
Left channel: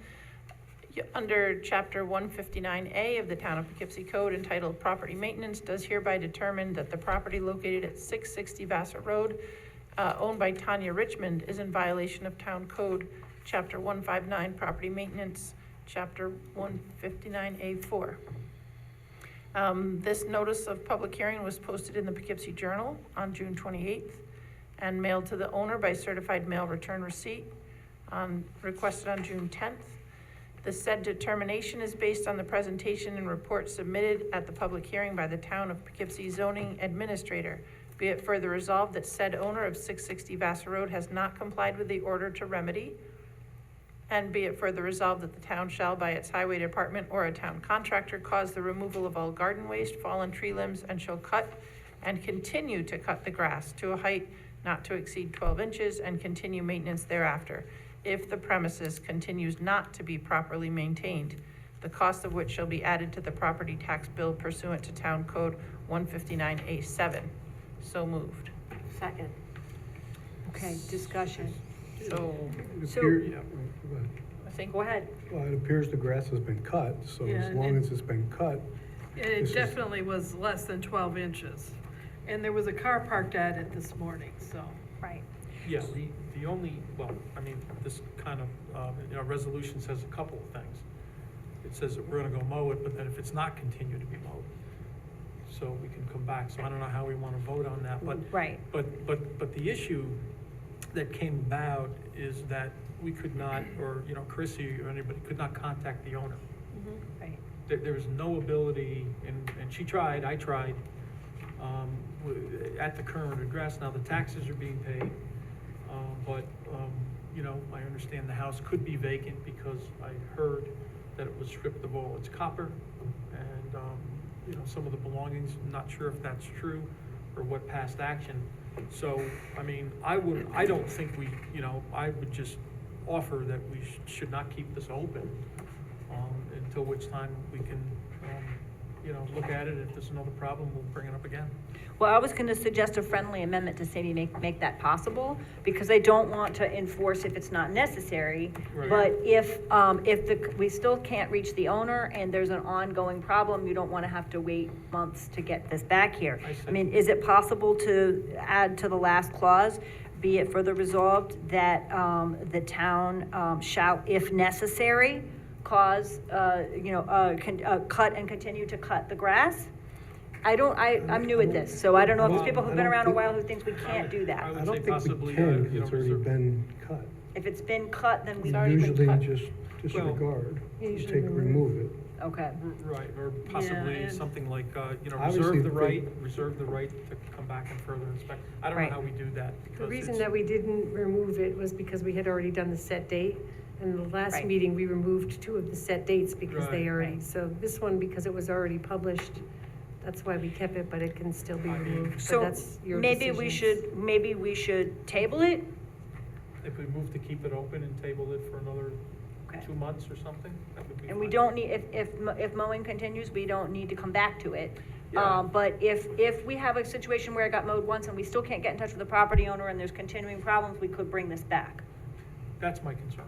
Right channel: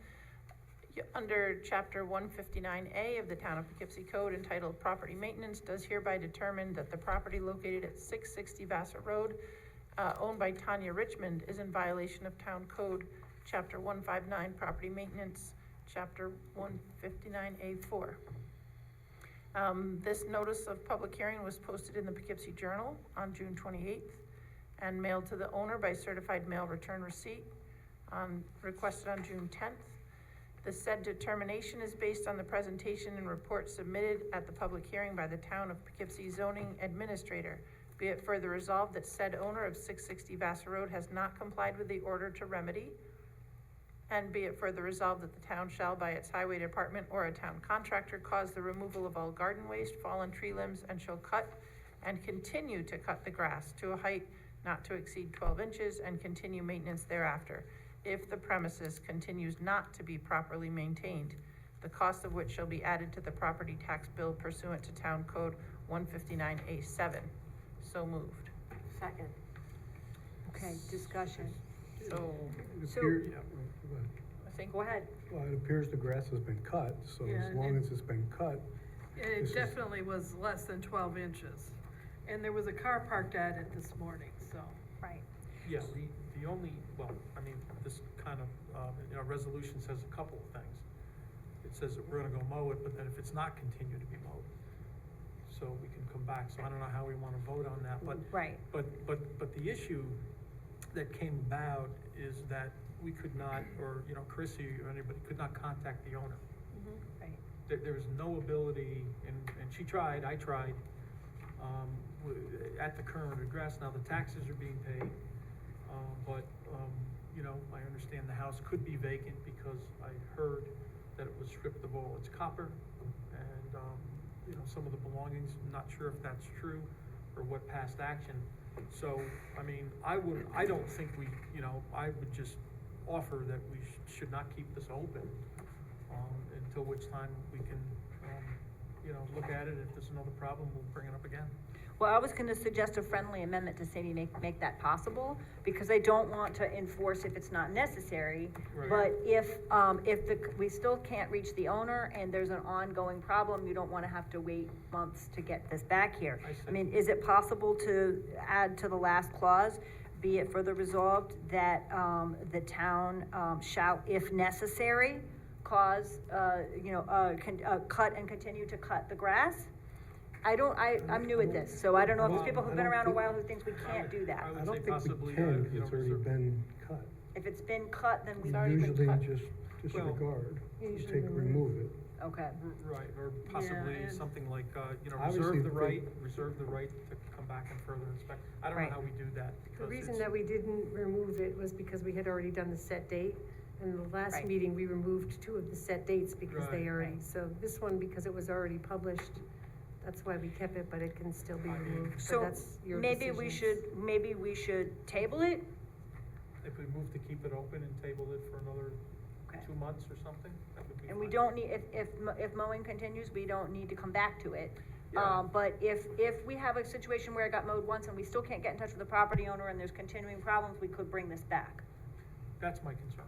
under chapter 159A of the town of Poughkeepsie Code entitled Property Maintenance does hereby determine that the property located at 660 Vassar Road, owned by Tanya Richmond, is in violation of town code chapter 159 Property Maintenance, chapter 159A4. This notice of public hearing was posted in the Poughkeepsie Journal on June 28th and mailed to the owner by certified mail return receipt requested on June 10th. The said determination is based on the presentation and report submitted at the public hearing by the town of Poughkeepsie zoning administrator. Be it further resolved that said owner of 660 Vassar Road has not complied with the order to remedy. And be it further resolved that the town shall, by its highway department or a town contractor, cause the removal of all garden waste, fallen tree limbs, and shall cut and continue to cut the grass to a height not to exceed 12 inches and continue maintenance thereafter, if the premises continues not to be properly maintained, the cost of which shall be added to the property tax bill pursuant to Town Code 159A7. So moved. Second. Okay, discussion. So, It So- appear- yeah, go ahead. I think, Go ahead. Well, it appears the grass has been cut, so Yeah, as and long it- as it's been cut, This It is- definitely was less than 12 inches. And there was a car parked at it this morning, so. Right. Yeah, the only, this kind of, resolution says a couple of things. It says that we're gonna go mow it, but then if it's not continue to be mowed, so we can come back, so I don't know how we wanna vote on that, but Right. But the issue that came about is that we could not, or, Chrissy or anybody could not contact the owner. Right. There was no ability, and she tried, I tried, at the current address. Now, the taxes are being paid, but, I understand the house could be vacant because I heard that it was stripped of all its copper and, some of the belongings. I'm not sure if that's true or what past action. So, I don't think I would just offer that we should not keep this open, until which time we can, look at it. If there's another problem, we'll bring it up again. Well, I was gonna suggest a friendly amendment to say make that possible, because I don't want to enforce if it's not necessary. Right. But if we still can't reach the owner and there's an ongoing problem, you don't wanna have to wait months to get this back here. I see. I mean, is it possible to add to the last clause, be it further resolved that, the town, shall, if necessary, cause, cut and continue to cut the grass? I'm new at this, so I don't know if there's people who've been around a while who thinks we can't do that. I I would don't say think we possibly, can, you because know, it's already reserve. been cut. If it's been cut, then we, Usually just disregard, just remove it. okay. Right, or possibly and- something like, you know, Obviously, reserve the right to come back and further inspect. I don't know Right. how we do that. The because reason it's- that we didn't remove it was because we had already done the set date. And the last Right. meeting, we removed 2 of the set dates because they Right. already, Right. so this one, because it was already published, that's why we kept it, but it can still be I mean- removed. But So that's your maybe we decisions. should table it? If we move to keep it open and table it for another Okay. 2 months or something, that would be And we fine. don't need, if mowing continues, we don't need to come back to it. Yeah. But if we have a situation where it got mowed once and we still can't get in touch with the property owner and there's continuing problems, we could bring this back. That's my concern,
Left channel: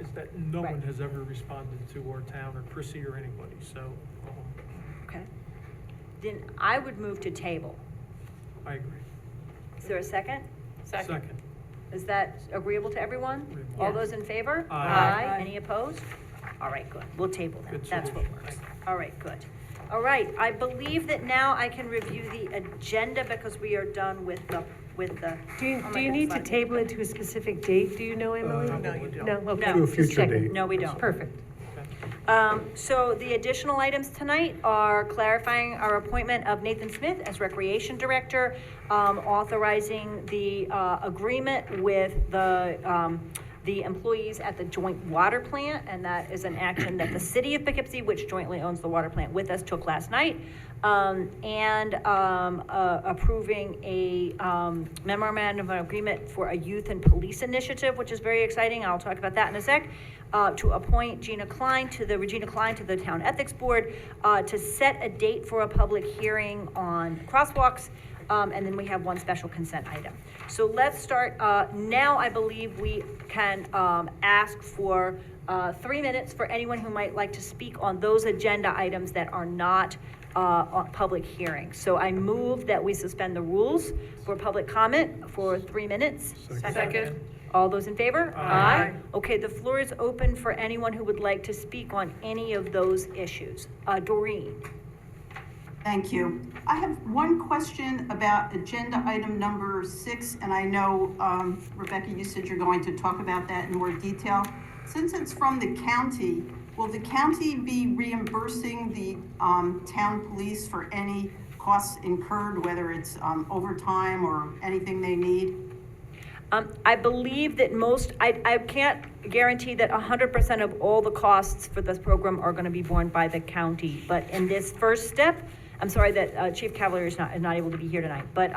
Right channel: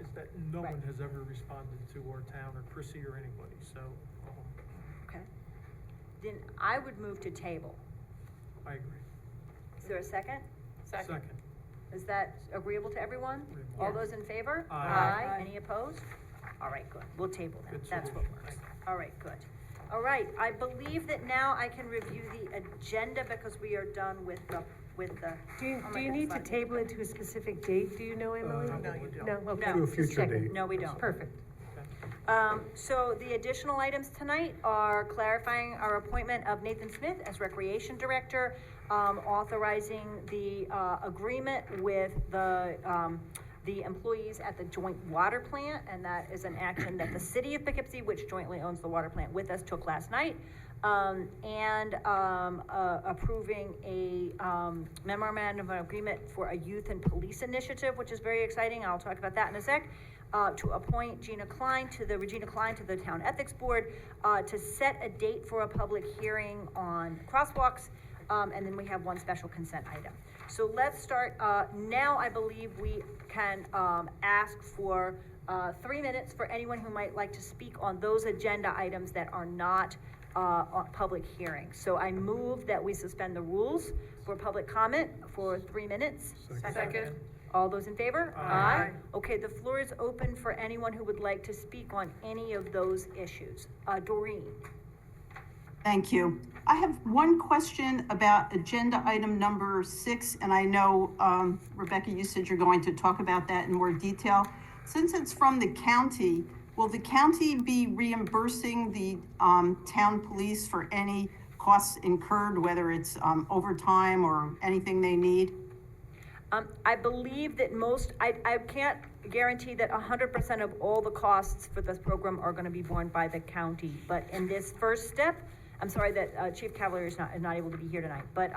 is that no Right. one has ever responded to our town or Chrissy or anybody, so, Okay. Then I would move to table. I agree. Is there a second? Second. Is that agreeable to everyone? Agreeable. All those in favor? Aye. Any opposed? All right, good. We'll table that. Good That's what solution. works. All right, good. All right, I believe that now I can review the agenda because we are done with the. Do oh my you need to goodness, table it to a specific date? Do you know, Emily? No, you don't. No, okay. To a just future checking. date. No, we don't. Perfect. So the additional items tonight are clarifying our appointment of Nathan Smith as Recreation Director, authorizing the agreement with the employees at the joint water plant, and that is an action that the city of Poughkeepsie, which jointly owns the water plant with us, took last night. And approving a memorandum of agreement for a youth and police initiative, which is very exciting. I'll talk about that in a sec. To appoint Regina Klein to the Town Ethics Board, to set a date for a public hearing on crosswalks, and then we have one special consent item. So let's start, now I believe we can ask for 3 minutes for anyone who might like to speak on those agenda items that are not on public hearing. So I move that we suspend the rules for public comment for 3 minutes. Second. All those in favor? Aye. Okay, the floor is open for anyone who would like to speak on any of those issues. Doreen? Thank you. I have one question about agenda item number 6, and I know, Rebecca, you said you're going to talk about that in more detail. Since it's from the county, will the county be reimbursing the town police for any costs incurred, whether it's overtime or anything they need? I believe that I can't guarantee that 100% of all the costs for this program are gonna be borne by the county, but in this first step, I'm sorry that Chief Cavalier is not able to be here tonight, but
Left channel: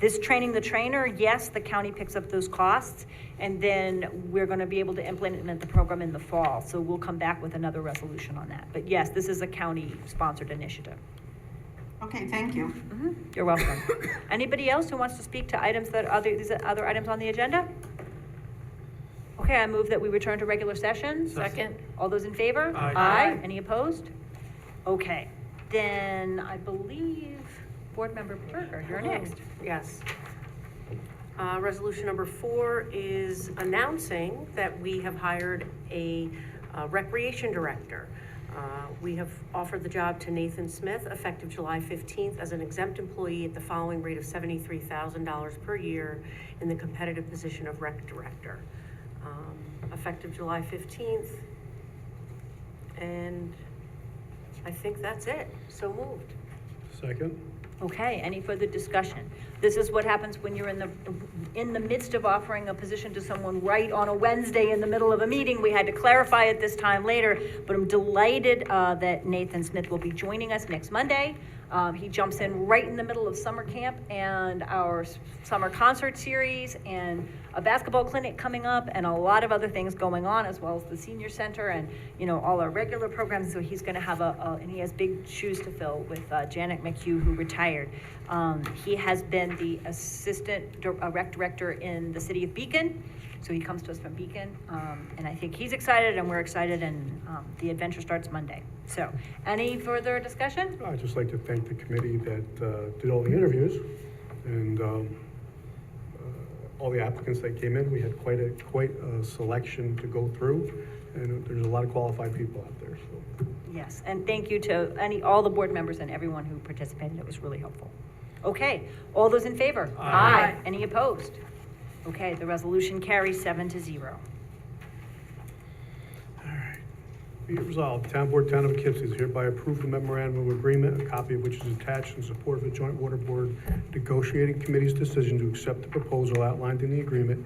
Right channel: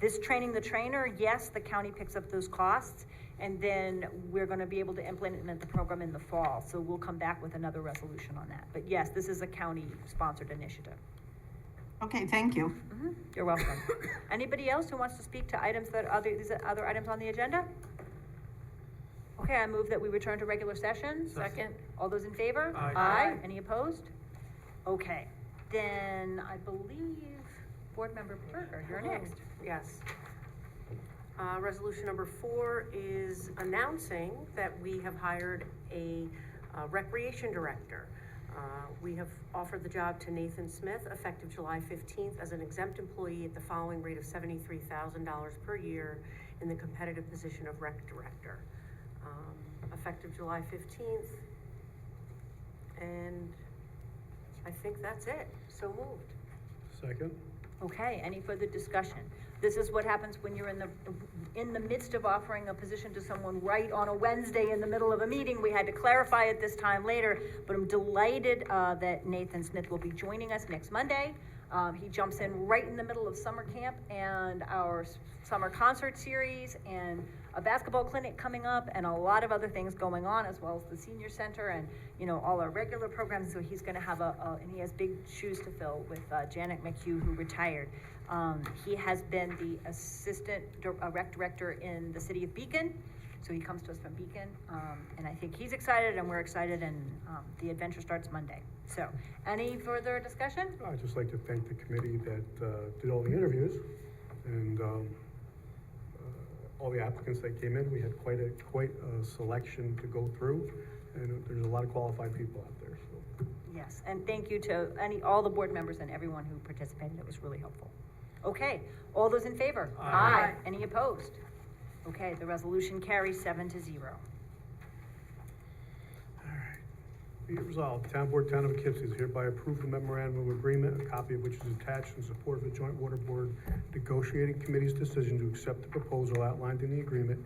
this training the trainer, yes, the county picks up those costs, and then we're gonna be able to implement the program in the fall, so we'll come back with another resolution on that. But yes, this is a county-sponsored initiative. Okay, thank you. You're welcome. Anybody else who wants to speak to these other items on the agenda? Okay, I move that we return to regular session. Second. All those in favor? Aye. Any opposed? Okay, then I believe Board Member Berger, you're next. Yes. Resolution number 4 is announcing that we have hired a recreation director. We have offered the job to Nathan Smith, effective July 15th, as an exempt employee at the following rate of $73,000 per year in the competitive position of rec director. Effective July 15th. And I think that's it. So moved. Second? Okay, any further discussion? This is what happens when you're in the midst of offering a position to someone right on a Wednesday in the middle of a meeting. We had to clarify it this time later, but I'm delighted that Nathan Smith will be joining us next Monday. He jumps in right in the middle of summer camp and our summer concert series and a basketball clinic coming up and a lot of other things going on, as well as the senior center and, you know, all our regular programs. So he's gonna have and he has big shoes to fill with Janet McHugh, who retired. He has been the assistant rec director in the city of Beacon. So he comes to us from Beacon, and I think he's excited and we're excited, and the adventure starts Monday. So, any further discussion? I'd just like to thank the committee that did all the interviews and all the applicants that came in. We had quite a selection to go through, and there's a lot of qualified people out there, so. Yes, and thank you to all the board members and everyone who participated. It was really helpful. Okay, all those in favor? Aye. Any opposed? Okay, the resolution carries 7-0. Be it resolved, Town Board, Town of Poughkeepsie is hereby approved the memorandum of agreement, a copy of which is attached in support of the Joint Water Board Negotiating Committee's decision to accept the proposal outlined in the agreement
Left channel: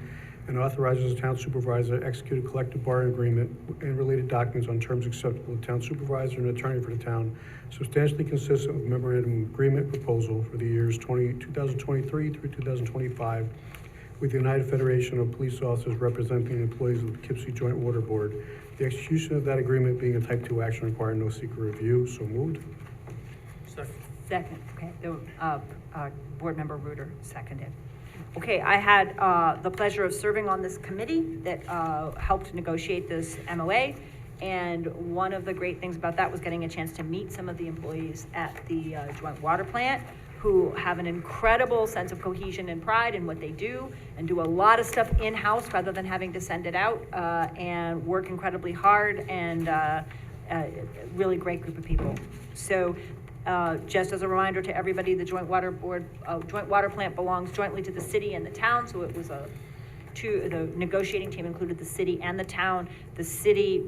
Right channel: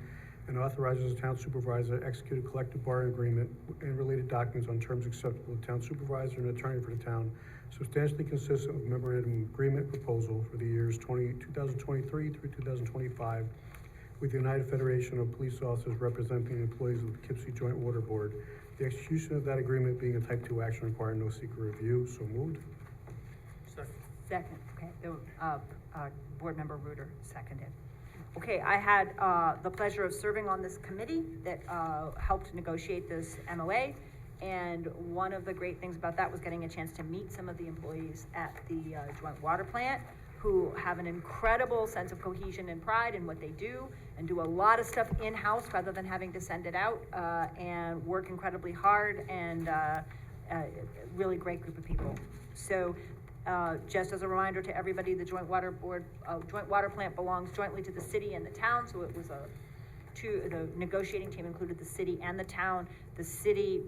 and authorizes the town supervisor to execute a collective bargaining agreement and related documents on terms acceptable to town supervisor and attorney for the town, substantially consistent with memorandum of agreement proposal for the years 2023 through 2025 with the United Federation of Police Officers representing the employees of the Poughkeepsie Joint Water Board. The execution of that agreement being a type 2 action requiring no secret review. So moved. Second. Second, okay, Board Member Reuter seconded. Okay, I had the pleasure of serving on this committee that helped negotiate this MOA. And one of the great things about that was getting a chance to meet some of the employees at the joint water plant who have an incredible sense of cohesion and pride in what they do and do a lot of stuff in-house rather than having to send it out and work incredibly hard and really great group of people. So just as a reminder to everybody, the joint water plant belongs jointly to the city and the town, so it was the negotiating team included the city and the town. The city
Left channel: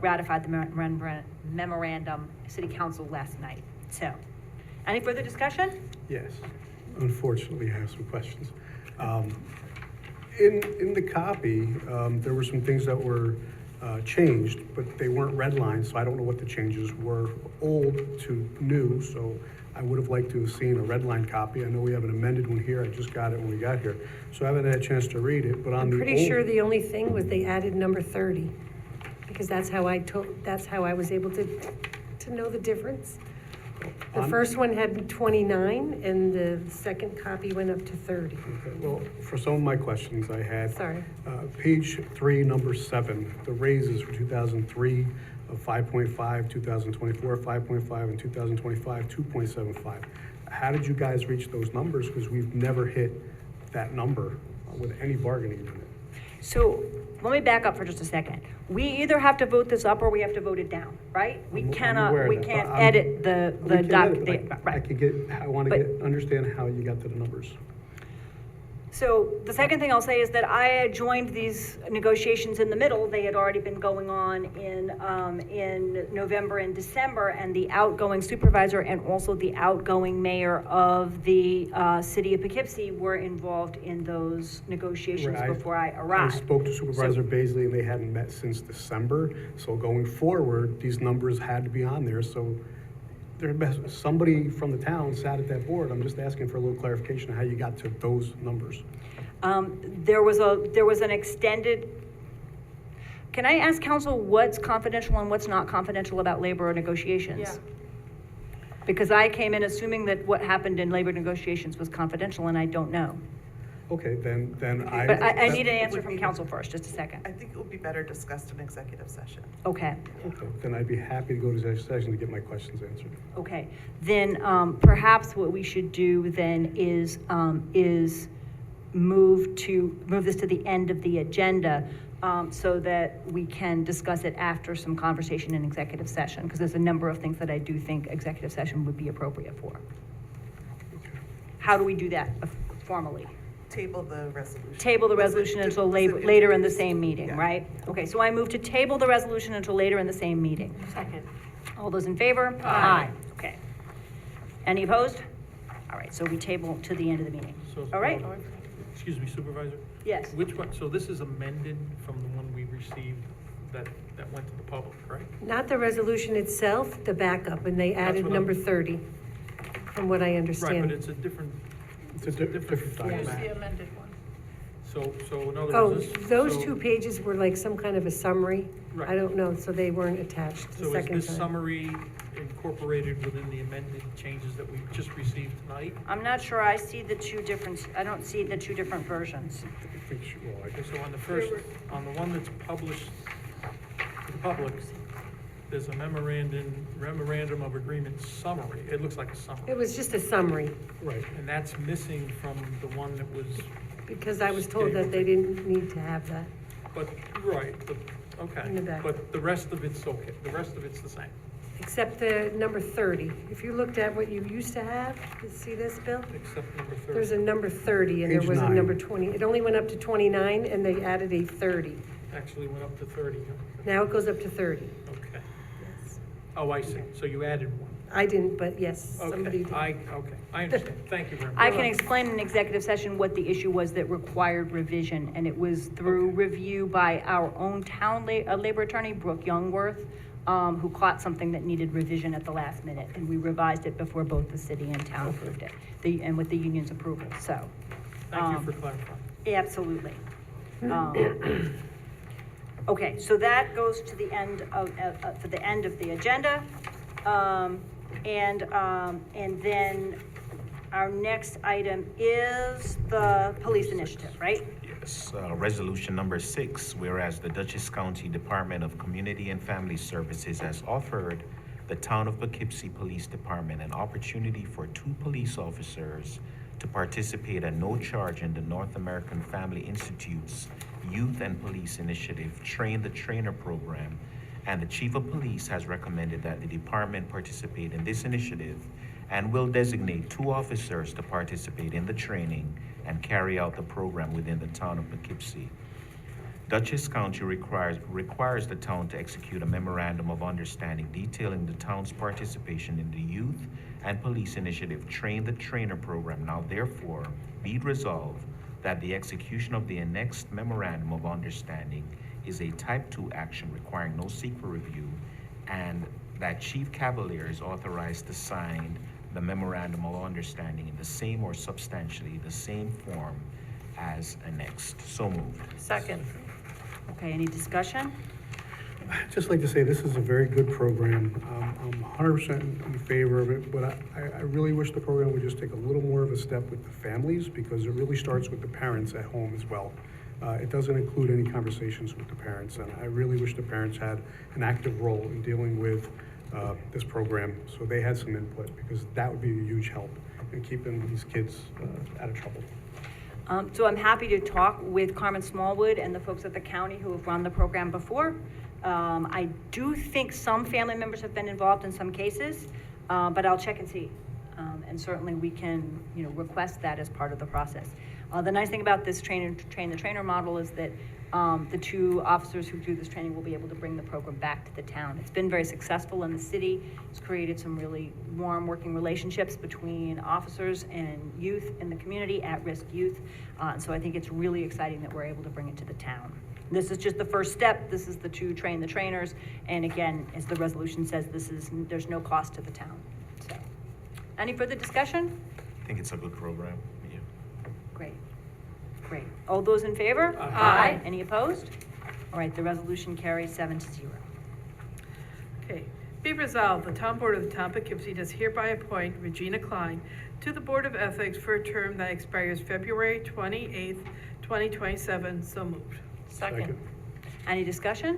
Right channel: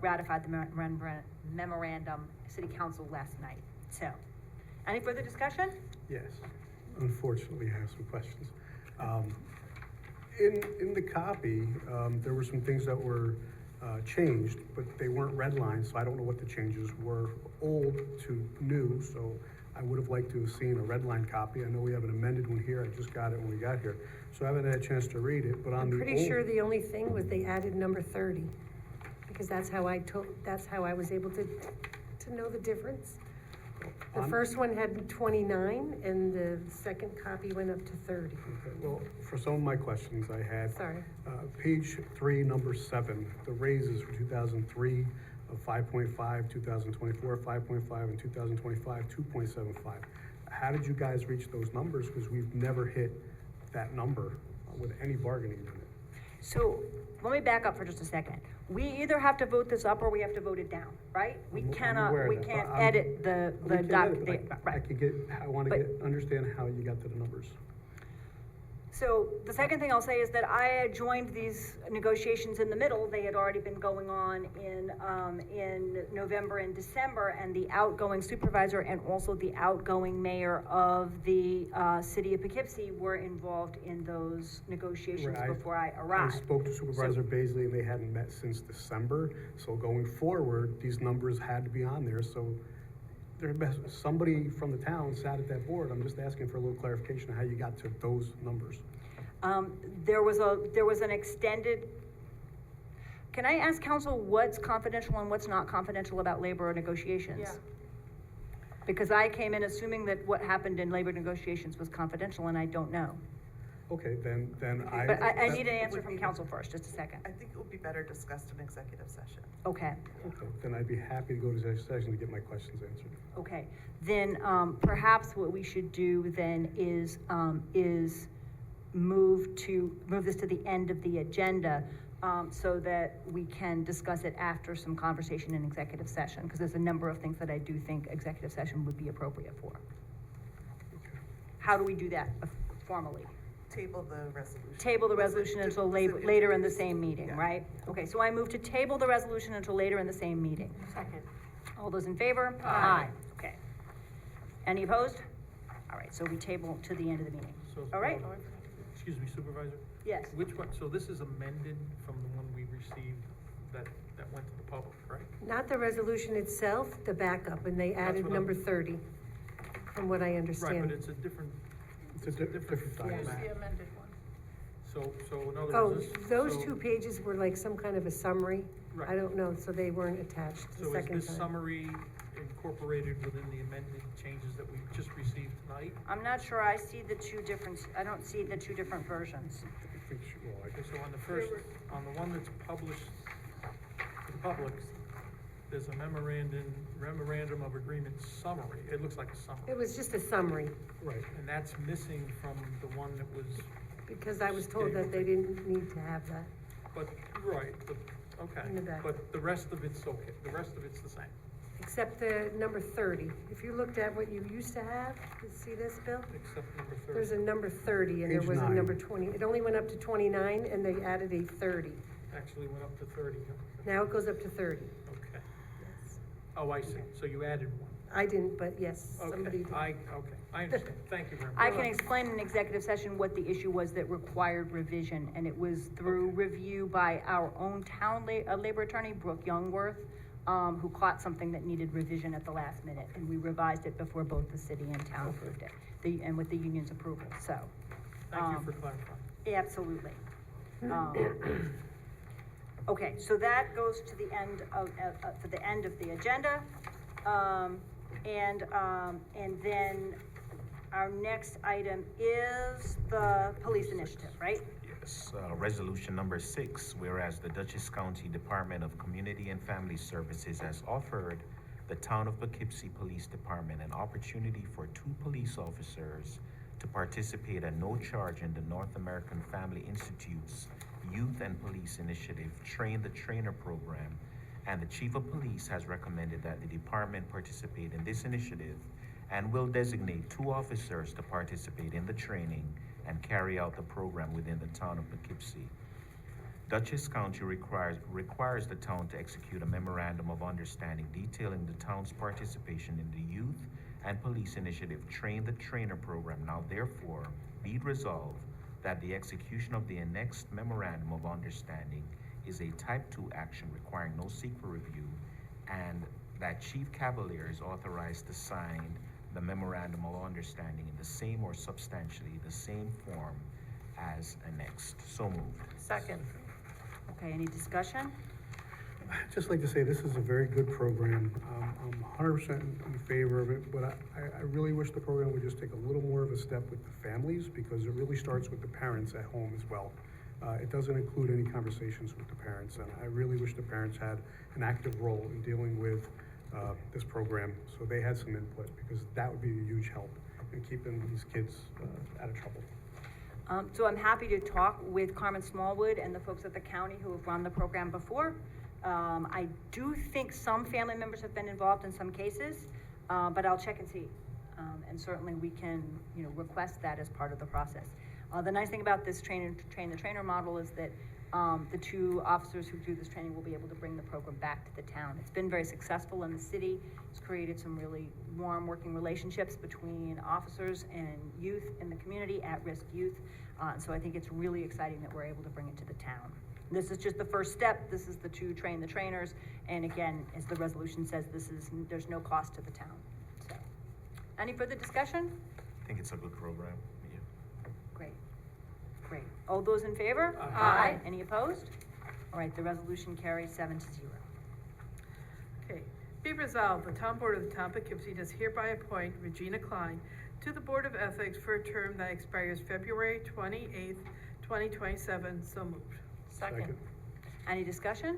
ratified the memorandum, city council last night. So, any further discussion? Yes. Unfortunately, I have some questions. In the copy, there were some things that were changed, but they weren't redlined, so I don't know what the changes were, old to new, so I would have liked to have seen a redline copy. I know we have an amended one here. I just got it when we got here, so I haven't had a chance to read it, but on I'm the pretty sure the only thing was they added number 30, because that's how I was able to know the difference. The first one had 29, and the second copy went up to 30. Okay, well, for some of my questions I had. Sorry. Page 3, number 7, the raises for 2003 of 5.5, 2024, 5.5, and 2025, 2.75. How did you guys reach those numbers? Because we've never hit that number with any bargaining unit. So let me back up for just a second. We either have to vote this up or we have to vote it down, right? We I'm cannot, aware of we that, can't but I'm- edit the We can't doc, edit it, but I want to understand how you got to the numbers. So the second thing I'll say is that I had joined these negotiations in the middle. They had already been going on in November and December, and the outgoing supervisor and also the outgoing mayor of the city of Poughkeepsie were involved in those negotiations Right, before I arrived. I spoke to Supervisor Baisley, and they hadn't met since December, so going forward, these numbers had to be on there, so somebody from the town sat at that board. I'm just asking for a little clarification on how you got to those numbers. There was an extended, can I ask council what's confidential and what's not confidential about labor negotiations? Yeah. Because I came in assuming that what happened in labor negotiations was confidential, and I don't know. Okay, then But I need an answer from council first, just a second. I think it would be better discussed in executive session. Okay, Okay, then I'd be happy to go to executive session to get my questions answered. okay. Then, perhaps what we should do then is move this to the end of the agenda, so that we can discuss it after some conversation in executive session, because there's a number of things that I do think executive session would be appropriate for. How do we do that formally? Table the resolution. Table the resolution until later in the same meeting, right? Okay, so I move to table the resolution until later in the same meeting. Second. All those in favor? Aye. Okay. Any opposed? All right, so we table to the end of the meeting. So- All right? Excuse me, Supervisor? Yes. Which one, so this is amended from the one we received that went to the public, right? Not the resolution itself, the backup, and they added what number 30, from what I Right, understand. but it's a different, It's a different Here's document. the amended one. so in other Oh, words, this. those so- two pages were like some kind of a summary. Right. I don't know, so they weren't attached the So is second this time. summary incorporated within the amended changes that we just received tonight? I'm not sure I see the two different, I don't see the two different versions. Okay, so on the first, on the one that's published to the public, there's a memorandum of agreement summary. It looks like a It summary. was just a summary, Right. And that's missing from the one that was, because I was told that they didn't need to have that. but, right, okay. In the back. But the rest of it's okay, the rest of it's the same. except the number 30. If you looked at what you used to have, you see this, Bill? Except number 30. There's a number 30 and there Page was a 9. number 20. It only went up to 29 and they added a 30. Actually went up to 30, huh? Now it goes up to 30. Okay. Oh, I see. So you added one. I didn't, but yes, somebody Okay, did. okay, I understand. Thank you very much. I can explain in executive session what the issue was that required revision, and it was through review by our own town labor attorney, Brooke Youngworth, who caught something that needed revision at the last minute, and we revised it before both the city and town approved it, and with the union's approval, so. Thank you for clarifying. Absolutely. Okay, so that goes to the end of, for the end of the agenda. And then our next item is the police initiative, right? Yes, resolution number 6, whereas the Dutchess County Department of Community and Family Services has offered the Town of Poughkeepsie Police Department an opportunity for 2 police officers to participate at no charge in the North American Family Institute's Youth and Police Initiative Train the Trainer program, and the Chief of Police has recommended that the department participate in this initiative and will designate 2 officers to participate in the training and carry out the program within the town of Poughkeepsie. Dutchess County requires the town to execute a memorandum of understanding detailing the town's participation in the Youth and Police Initiative Train the Trainer program. Now therefore, be it resolved that the execution of the annexed memorandum of understanding is a type 2 action requiring no secret review, and that Chief Cavalier is authorized to sign the memorandum of understanding in the same or substantially the same form as annexed. So moved. Second. Okay, any discussion? I'd just like to say this is a very good program. I'm 100% in favor of it, but I really wish the program would just take a little more of a step with the families, because it really starts with the parents at home as well. It doesn't include any conversations with the parents, and I really wish the parents had an active role in dealing with this program, so they had some input, because that would be a huge help in keeping these kids out of trouble. So I'm happy to talk with Carmen Smallwood and the folks at the county who have run the program before. I do think some family members have been involved in some cases, but I'll check and see. And certainly we can, request that as part of the process. The nice thing about this train the trainer model is that the 2 officers who do this training will be able to bring the program back to the town. It's been very successful in the city. It's created some really warm working relationships between officers and youth in the community, at-risk youth. So I think it's really exciting that we're able to bring it to the town. This is just the first step. This is the 2 train the trainers. And again, as the resolution says, there's no cost to the town. So, any further discussion? I think it's a good program. Yeah. Great. Great. All those in favor? Aye. Any opposed? All right, the resolution carries 7-0. Okay. Be resolved, the town board of the town of Poughkeepsie does hereby appoint Regina Klein to the Board of Ethics for a term that expires February 28th, 2027. So moved. Second. Any discussion?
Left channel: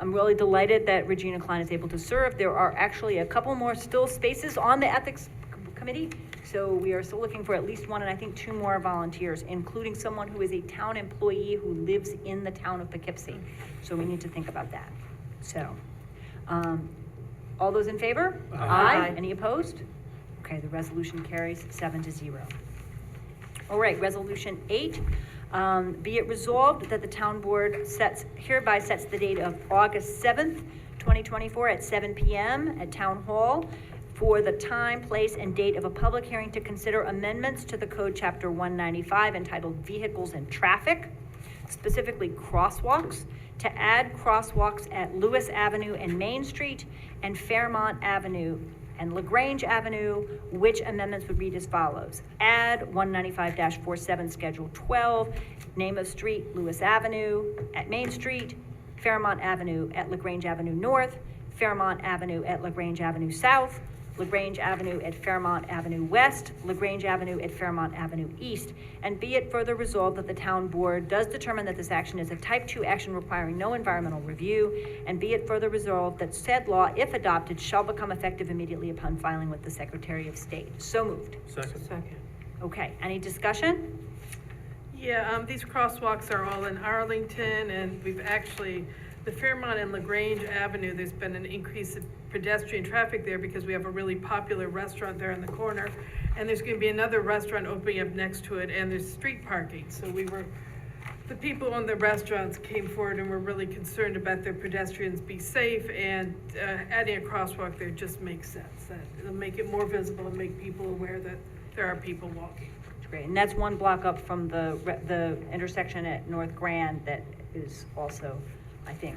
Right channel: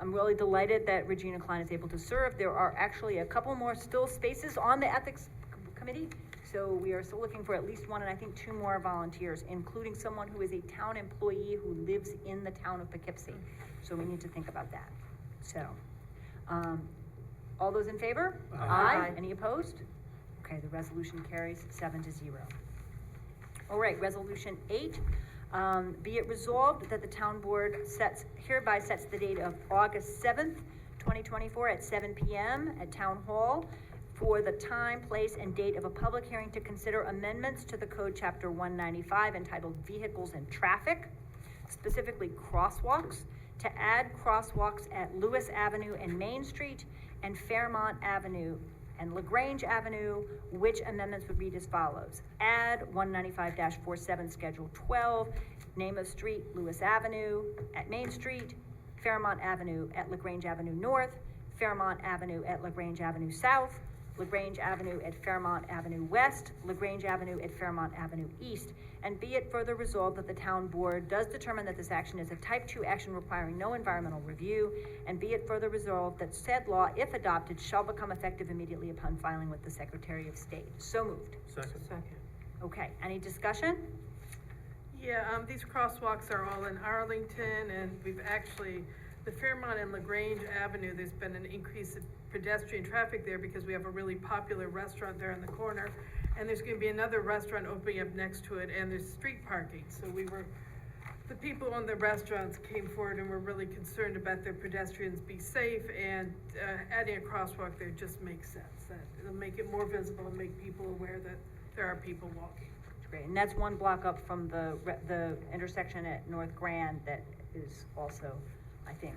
I'm really delighted that Regina Klein is able to serve. There are actually a couple more still spaces on the Ethics Committee, so we are still looking for at least 1 and I think 2 more volunteers, including someone who is a town employee who lives in the town of Poughkeepsie. So we need to think about that. So, all those in favor? Aye. Any opposed? Okay, the resolution carries 7-0. All right, resolution 8. Be it resolved that the town board hereby sets the date of August 7th, 2024 at 7 p.m. at Town Hall for the time, place, and date of a public hearing to consider amendments to the Code Chapter 195 entitled Vehicles and Traffic, specifically crosswalks, to add crosswalks at Lewis Avenue and Main Street and Fairmont Avenue and LaGrange Avenue, which amendments would read as follows. Add 195-47 Schedule 12, name of street, Lewis Avenue at Main Street, Fairmont Avenue at LaGrange Avenue North, Fairmont Avenue at LaGrange Avenue South, LaGrange Avenue at Fairmont Avenue West, LaGrange Avenue at Fairmont Avenue East, and be it further resolved that the town board does determine that this action is a type 2 action requiring no environmental review, and be it further resolved that said law, if adopted, shall become effective immediately upon filing with the Secretary of State. So moved. Second. Okay, any discussion? Yeah, these crosswalks are all in Arlington, and we've actually the Fairmont and LaGrange Avenue, there's been an increase of pedestrian traffic there because we have a really popular restaurant there in the corner. And there's gonna be another restaurant opening up next to it, and there's street parking. So the people on the restaurants came forward and were really concerned about their pedestrians be safe, and adding a crosswalk there just makes sense. That it'll make it more visible and make people aware that there are people walking. Great, and that's one block up from the intersection at North Grand that is also, I think,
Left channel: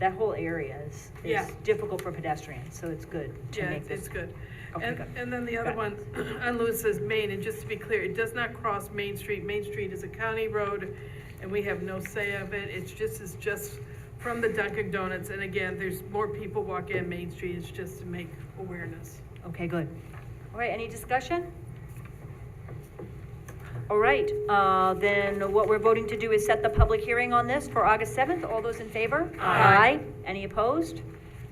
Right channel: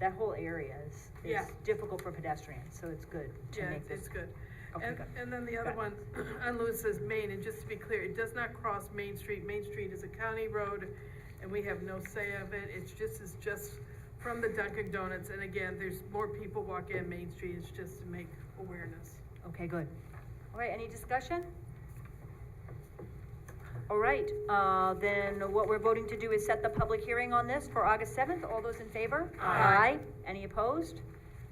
that whole area is Yeah. difficult for pedestrians, so it's good to Yeah, make this. it's good. Okay, And, good. and then the other one on Lewis's Main, and just to be clear, it does not cross Main Street. Main Street is a county road, and we have no say of it. It's just from the Dunkin' Donuts, and again, there's more people walking on Main Street. It's just to make awareness. Okay, good. All right, any discussion? All right, then what we're voting to do is set the public hearing on this for August 7th. All those in favor? Aye. Any opposed?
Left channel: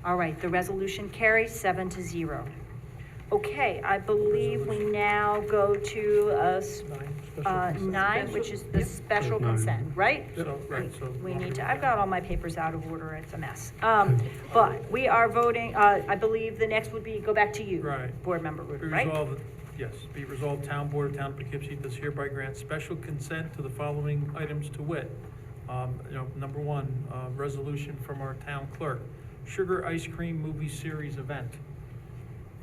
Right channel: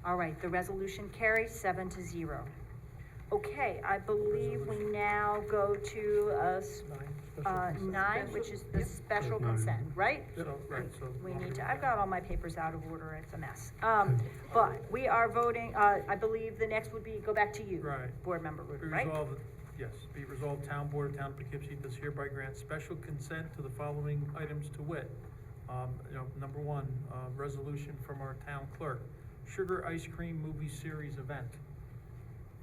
All right, the resolution carries 7-0. Okay, I believe we now go to 9, which is the special consent, right? So, right, so. We need to, I've got all my papers out of order, it's a mess. But we are voting, I believe the next would be, go back to you. Right. Board Member Be Rudin, right? resolved, yes, be resolved, Town Board of Town of Poughkeepsie does hereby grant special consent to the following items to wit. Number one, resolution from our town clerk, sugar ice cream movie series event.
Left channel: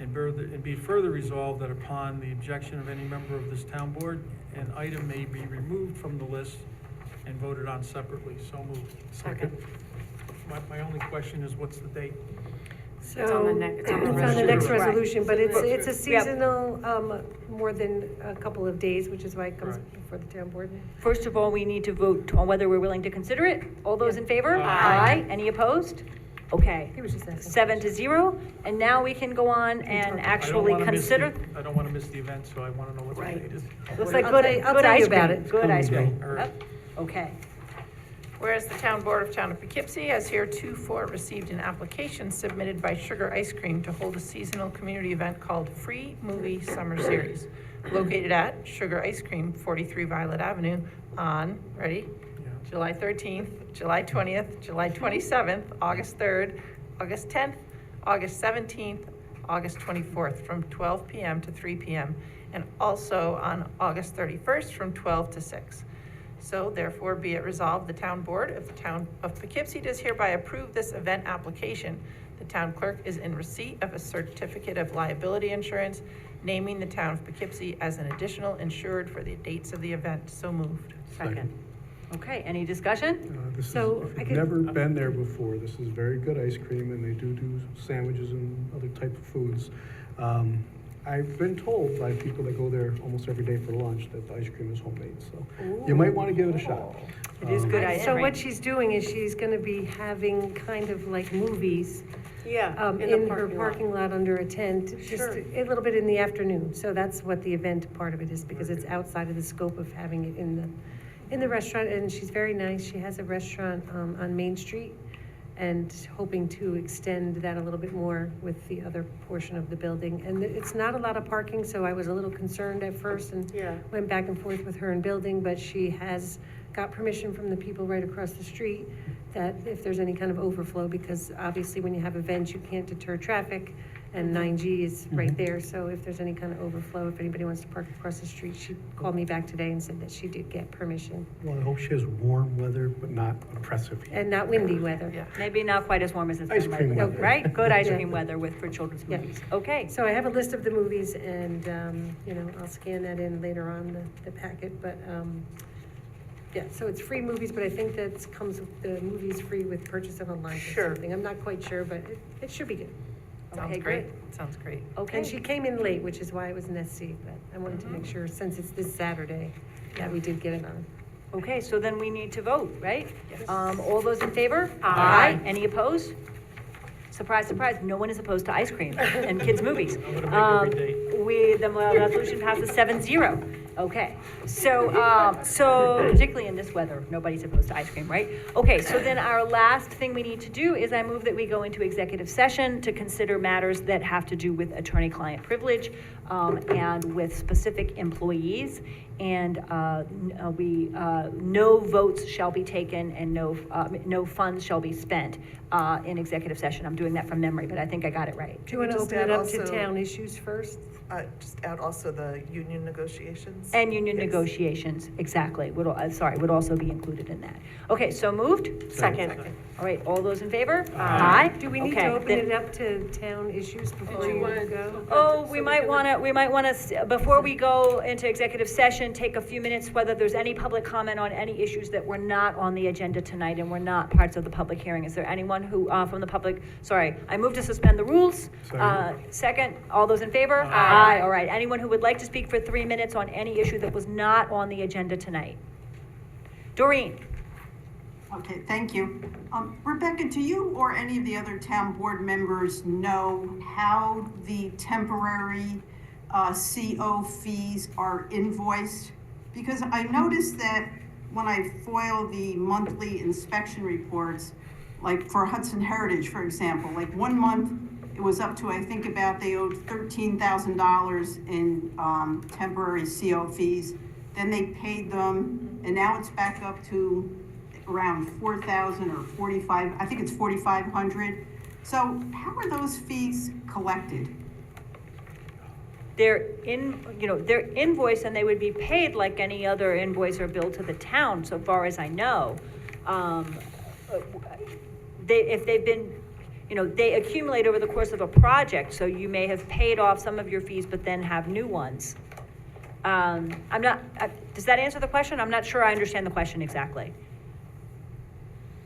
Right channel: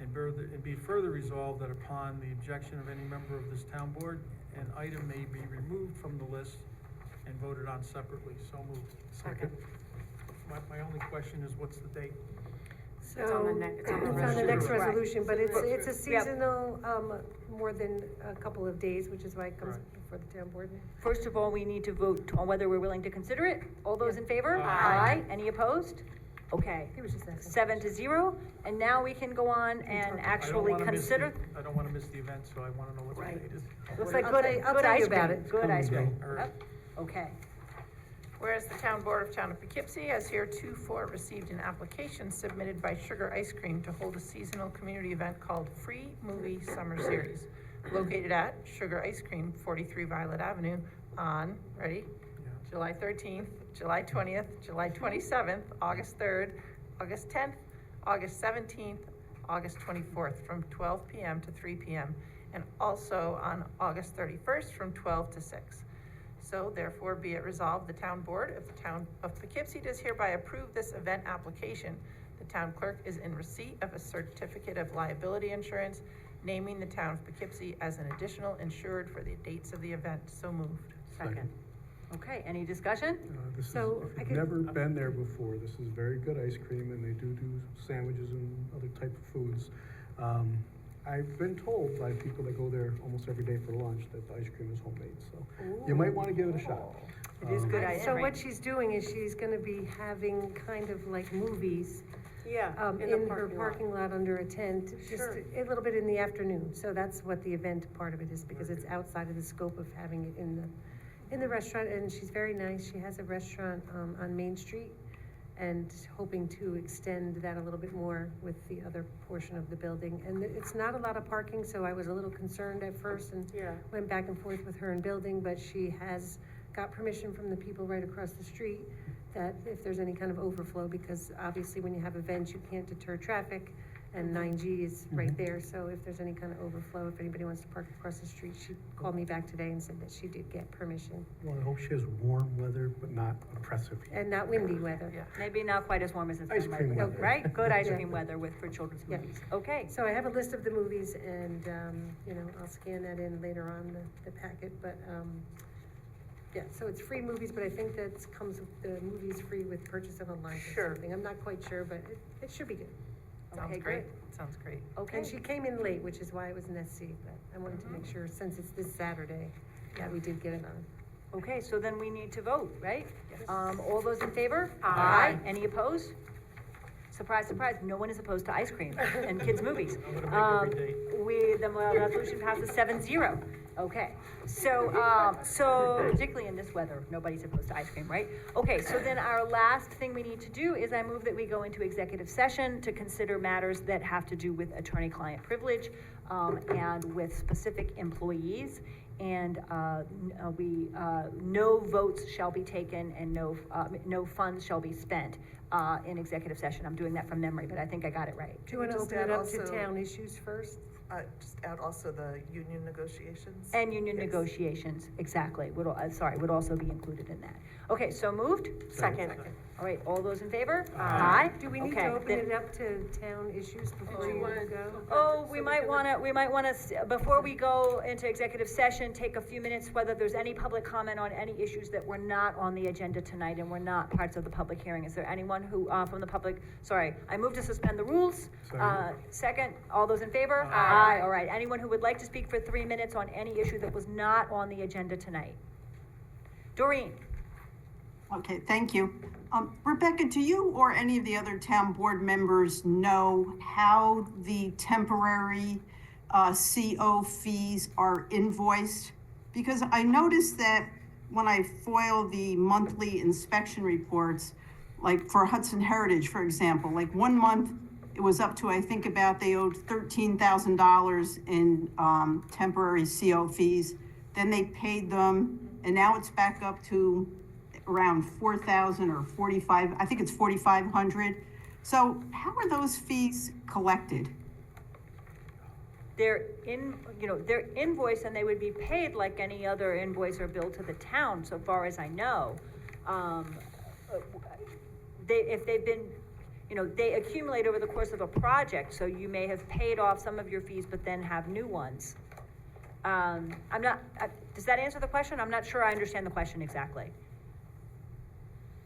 And be further resolved that upon the objection of any member of this town board, an item may be removed from the list and voted on separately. So moved. Second. My only question is, what's the date? So, It's on the next next Right. resolution, but it's a Yep. seasonal, more than a couple of days, which is why it comes Right. before the town board. First of all, we need to vote on whether we're willing to consider it. All those in favor? Aye. Any opposed? Okay. He was just asking. 7-0, and now we can go on and actually consider. I don't wanna miss the event, so I wanna know what the date is. Looks like I'll good, tell you- I'll good tell you ice about cream, it. good ice cream. All right. Yep. Okay. Whereas the Town Board of Town of Poughkeepsie has heretofore received an application submitted by Sugar Ice Cream to hold a seasonal community event called Free Movie Summer Series, located at Sugar Ice Cream, 43 Violet Avenue, on, ready? July 13th, July 20th, July 27th, August 3rd, August 10th, August 17th, August 24th, from 12 p.m. to 3 p.m., and also on August 31st, from 12 to 6. So therefore, be it resolved, the Town Board of the Town of Poughkeepsie does hereby approve this event application. The town clerk is in receipt of a certificate of liability insurance, naming the Town of Poughkeepsie as an additional insured for the dates of the event. So moved. Second. Okay, any discussion? This is, So, if I you've could- never been there before, this is very good ice cream, and they do sandwiches and other type of foods. I've been told by people that go there almost every day for lunch that the ice cream is homemade, so you might want to give it a shot. It is good ice So cream. what she's doing is she's gonna be having kind of like movies, Yeah, in her parking lot under a tent, just Sure. a little bit in the afternoon. So that's what the event part of it is, because it's outside of the scope of having it in the restaurant, and she's very nice. She has a restaurant, on Main Street, and hoping to extend that a little bit more with the other portion of the building. And it's not a lot of parking, so I was a little concerned at first and Yeah. went back and forth with her in building, but she has got permission from the people right across the street that if there's any kind of overflow, because obviously when you have events, you can't deter traffic, and 9G is right there, so if there's any kind of overflow, if anybody wants to park across the street, she called me back today and said that she did get permission, Well, I hope she has warm weather, but not oppressive heat. and not windy weather. Yeah. Maybe not quite as warm as it's Ice been cream lately, weather. right? Good ice Yeah. cream weather for children's Yeah. movies. Okay, So I have a list of the movies, and, I'll scan that in later on, the packet, but, yeah, so it's free movies, but I think that comes, the movie's free with purchase of a lunch or Sure. something. I'm not quite sure, but it should be good. Sounds Okay, great. great. Sounds great. okay. And she came in late, which is why it was an SC, but I wanted to make sure, since it's this Saturday, that we did get it on. Okay, so then we need to vote, right? Yes. All those in favor? Aye. Any opposed? Surprise, surprise, no one is opposed to ice cream and kids' movies. I'm gonna make every date. The resolution passes 7-0. Okay, so particularly in this weather, nobody's opposed to ice cream, right? Okay, so then our last thing we need to do is I move that we go into executive session to consider matters that have to do with attorney-client privilege, and with specific employees. and no votes shall be taken and no funds shall be spent in executive session. I'm doing that from memory, but I think I got it right. Do you want to Just open it add up to also- town issues first? Just add also the union negotiations. And union Yes. negotiations, exactly, would also be included in that. Okay, so moved? Second. All right, all those in favor? Do we need Okay, to open then- it up to town issues before you we want- go? Oh, we might wanna, before we go into executive session, take a few minutes, whether there's any public comment on any issues that were not on the agenda tonight and were not parts of the public hearing. Is there anyone who, from the public, sorry, I move to suspend the rules. Second, all those in favor? Aye. All right, anyone who would like to speak for 3 minutes on any issue that was not on the agenda tonight? Doreen? Okay, thank you. Rebecca, do you or any of the other town board members know how the temporary CO fees are invoiced? Because I noticed that when I foil the monthly inspection reports, like for Hudson Heritage, for example, like 1 month, it was up to, I think about, they owed $13,000 in temporary CO fees. Then they paid them, and now it's back up to around 4,000 or 45, I think it's 4,500. So how are those fees collected? They're invoiced and they would be paid like any other invoice or bill to the town, so far as I know. If they've been, they accumulate over the course of a project, so you may have paid off some of your fees, but then have new ones. Does that answer the question? I'm not sure I understand the question exactly.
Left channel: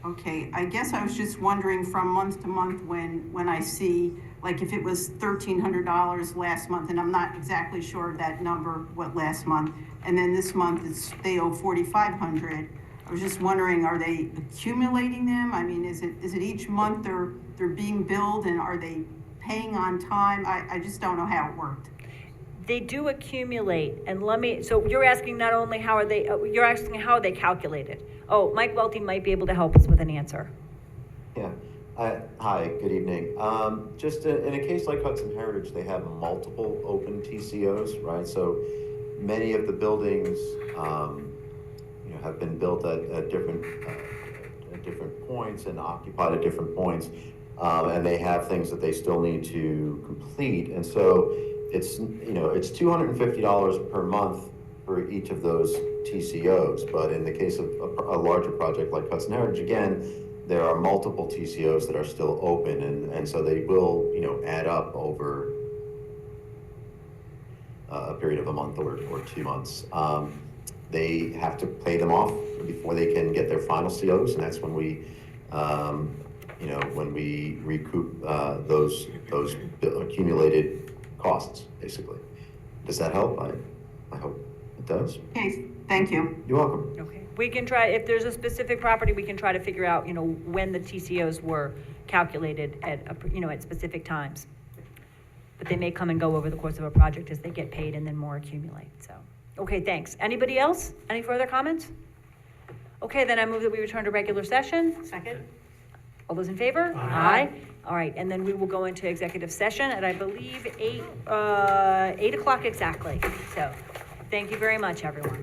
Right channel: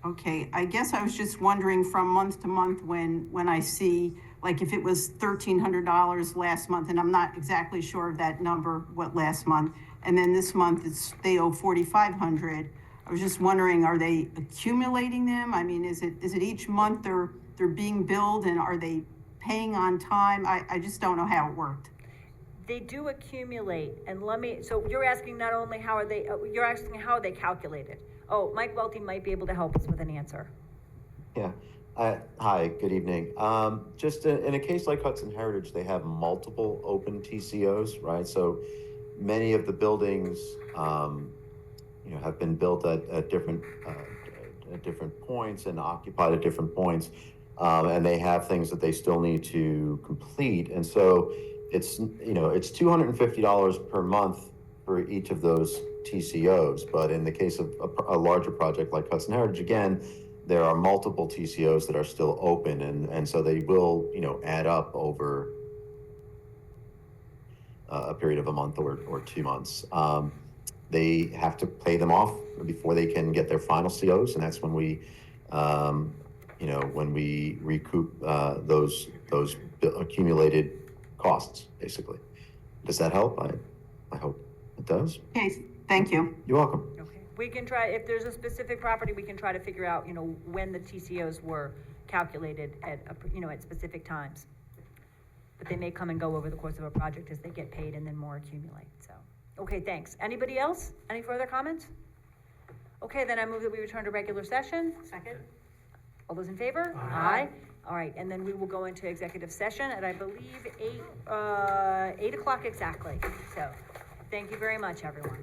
Okay, I guess I was just wondering from month to month when I see, like if it was $1,300 last month, and I'm not exactly sure of that number, what last month, and then this month they owe 4,500. I was just wondering, are they accumulating them? I mean, is it each month they're being billed, and are they paying on time? I just don't know how it worked. They do accumulate, and so you're asking not only you're asking how are they calculated? Oh, Mike Welty might be able to help us with an answer. Yeah. Hi, good evening. Just in a case like Hudson Heritage, they have multiple open TCOs, right? So many of the buildings, have been built at different points and occupied at different points, and they have things that they still need to complete. And so it's $250 per month for each of those TCOs. But in the case of a larger project like Hudson Heritage, again, there are multiple TCOs that are still open, and so they will, add up over a period of a month or 2 months. They have to pay them off before they can get their final COs, and that's when we, recoup those accumulated costs, basically. Does that help? I hope it does. Okay, thank you. You're welcome. Okay. We can try, if there's a specific property, we can try to figure out, when the TCOs were calculated at specific times. But they may come and go over the course of a project as they get paid and then more accumulate, so. Okay, thanks. Anybody else? Any further comments? Okay, then I move that we return to regular session. Second? All those in favor? Aye. All right, and then we will go into executive session at, I believe, 8 o'clock exactly. So, thank you very much, everyone.